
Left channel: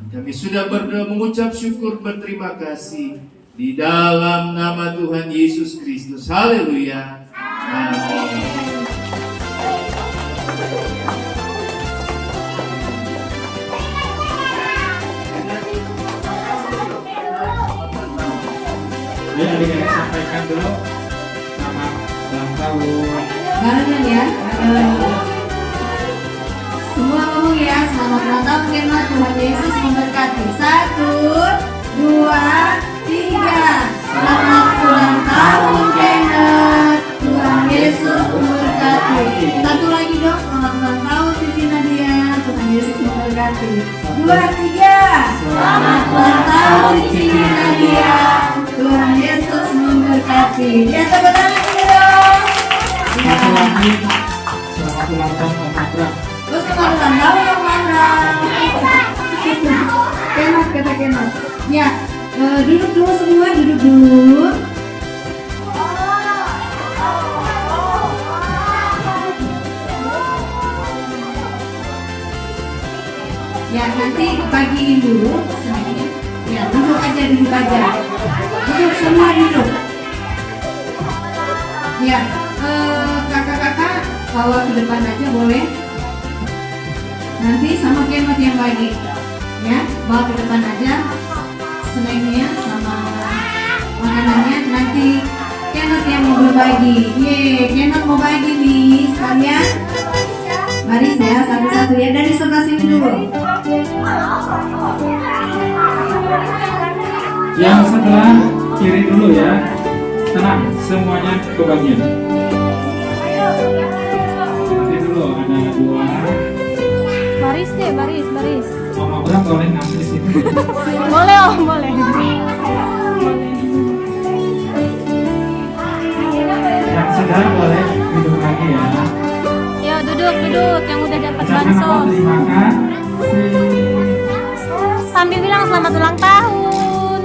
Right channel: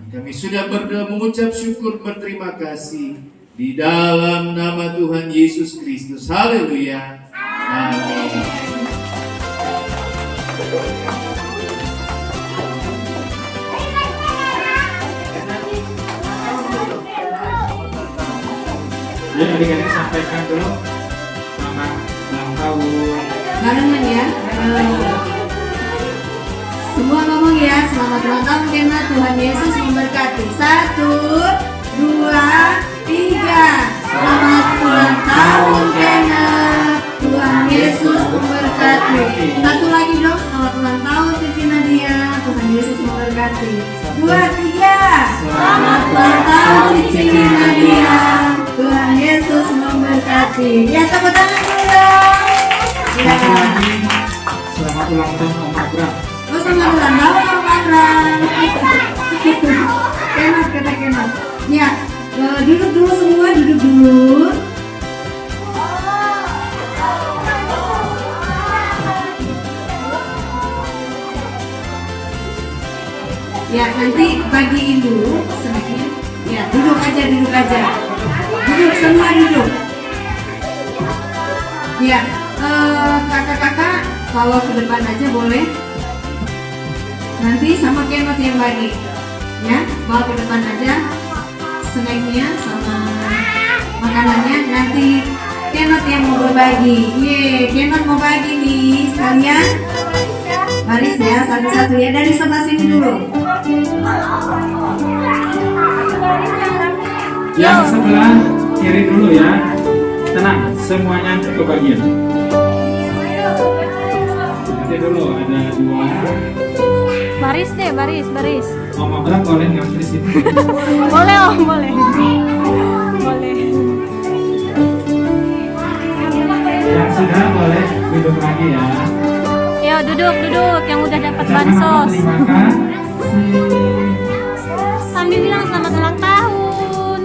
Kami sudah berdoa mengucap syukur berterima kasih di dalam nama Tuhan Yesus Kristus. Haleluya. Amin. Ayo adik-adik sampaikan dulu selamat ulang tahun. Barengan ya. Semua ngomong ya, selamat ulang tahun Kena, Tuhan Yesus memberkati. 1, 2, 3. Selamat ulang tahun Kena, Tuhan Yesus memberkati. Satu lagi dong, selamat ulang tahun Siti Nadia, Tuhan Yesus memberkati. 2, 3. Selamat ulang tahun Siti Nadia, Tuhan Yesus memberkati. Ya, tepuk tangan dulu dong. Satu lagi, selamat ulang tahun Om Abram. Oh, selamat ulang tahun Om Abram. Kemat, kata Kemat. Ya, duduk dulu semua, duduk dulu. Ya, nanti bagiin dulu sedikit. Ya, duduk aja, duduk aja. Duduk semua, duduk. Ya, kakak-kakak bawa ke depan aja boleh. Nanti sama Kemot yang bagi. Ya, bawa ke depan aja snacknya sama makanannya. Nanti Kemot yang mau berbagi. Kemot mau bagi nih sekalian. Baris ya, satu-satu ya, dari sebelah sini dulu. Yang sebelah kiri dulu ya. Tenang, semuanya kebagian. Nanti dulu ada 2. Baris deh, baris. Om Abram boleh ngambil di situ. Boleh Om, boleh. Yang sudah boleh duduk lagi ya. Yuk duduk, yang udah dapat Jangan bansos. terima kasih. Sambil bilang selamat ulang tahun.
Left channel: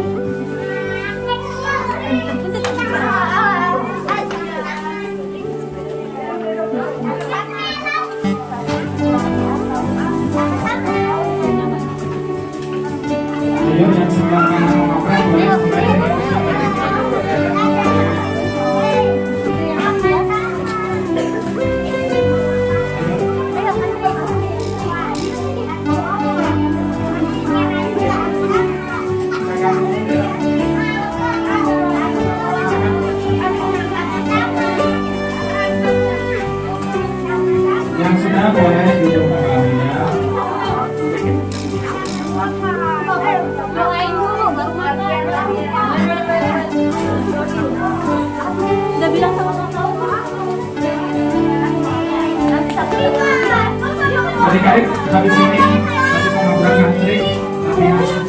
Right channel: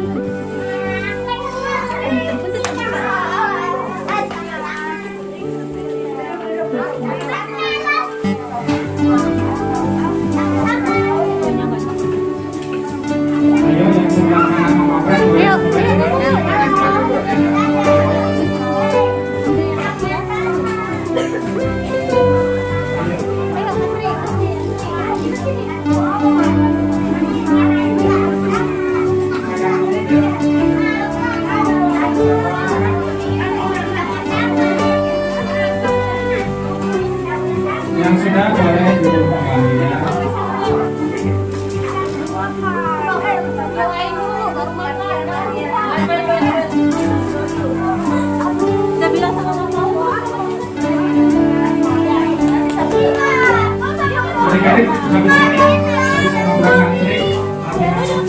Ayo yang sebelah kanan Om Abram boleh Ayo. mulai. Yang sudah boleh duduk kembali ya. Adik-adik habis ini habis sama belakang trik nanti masuk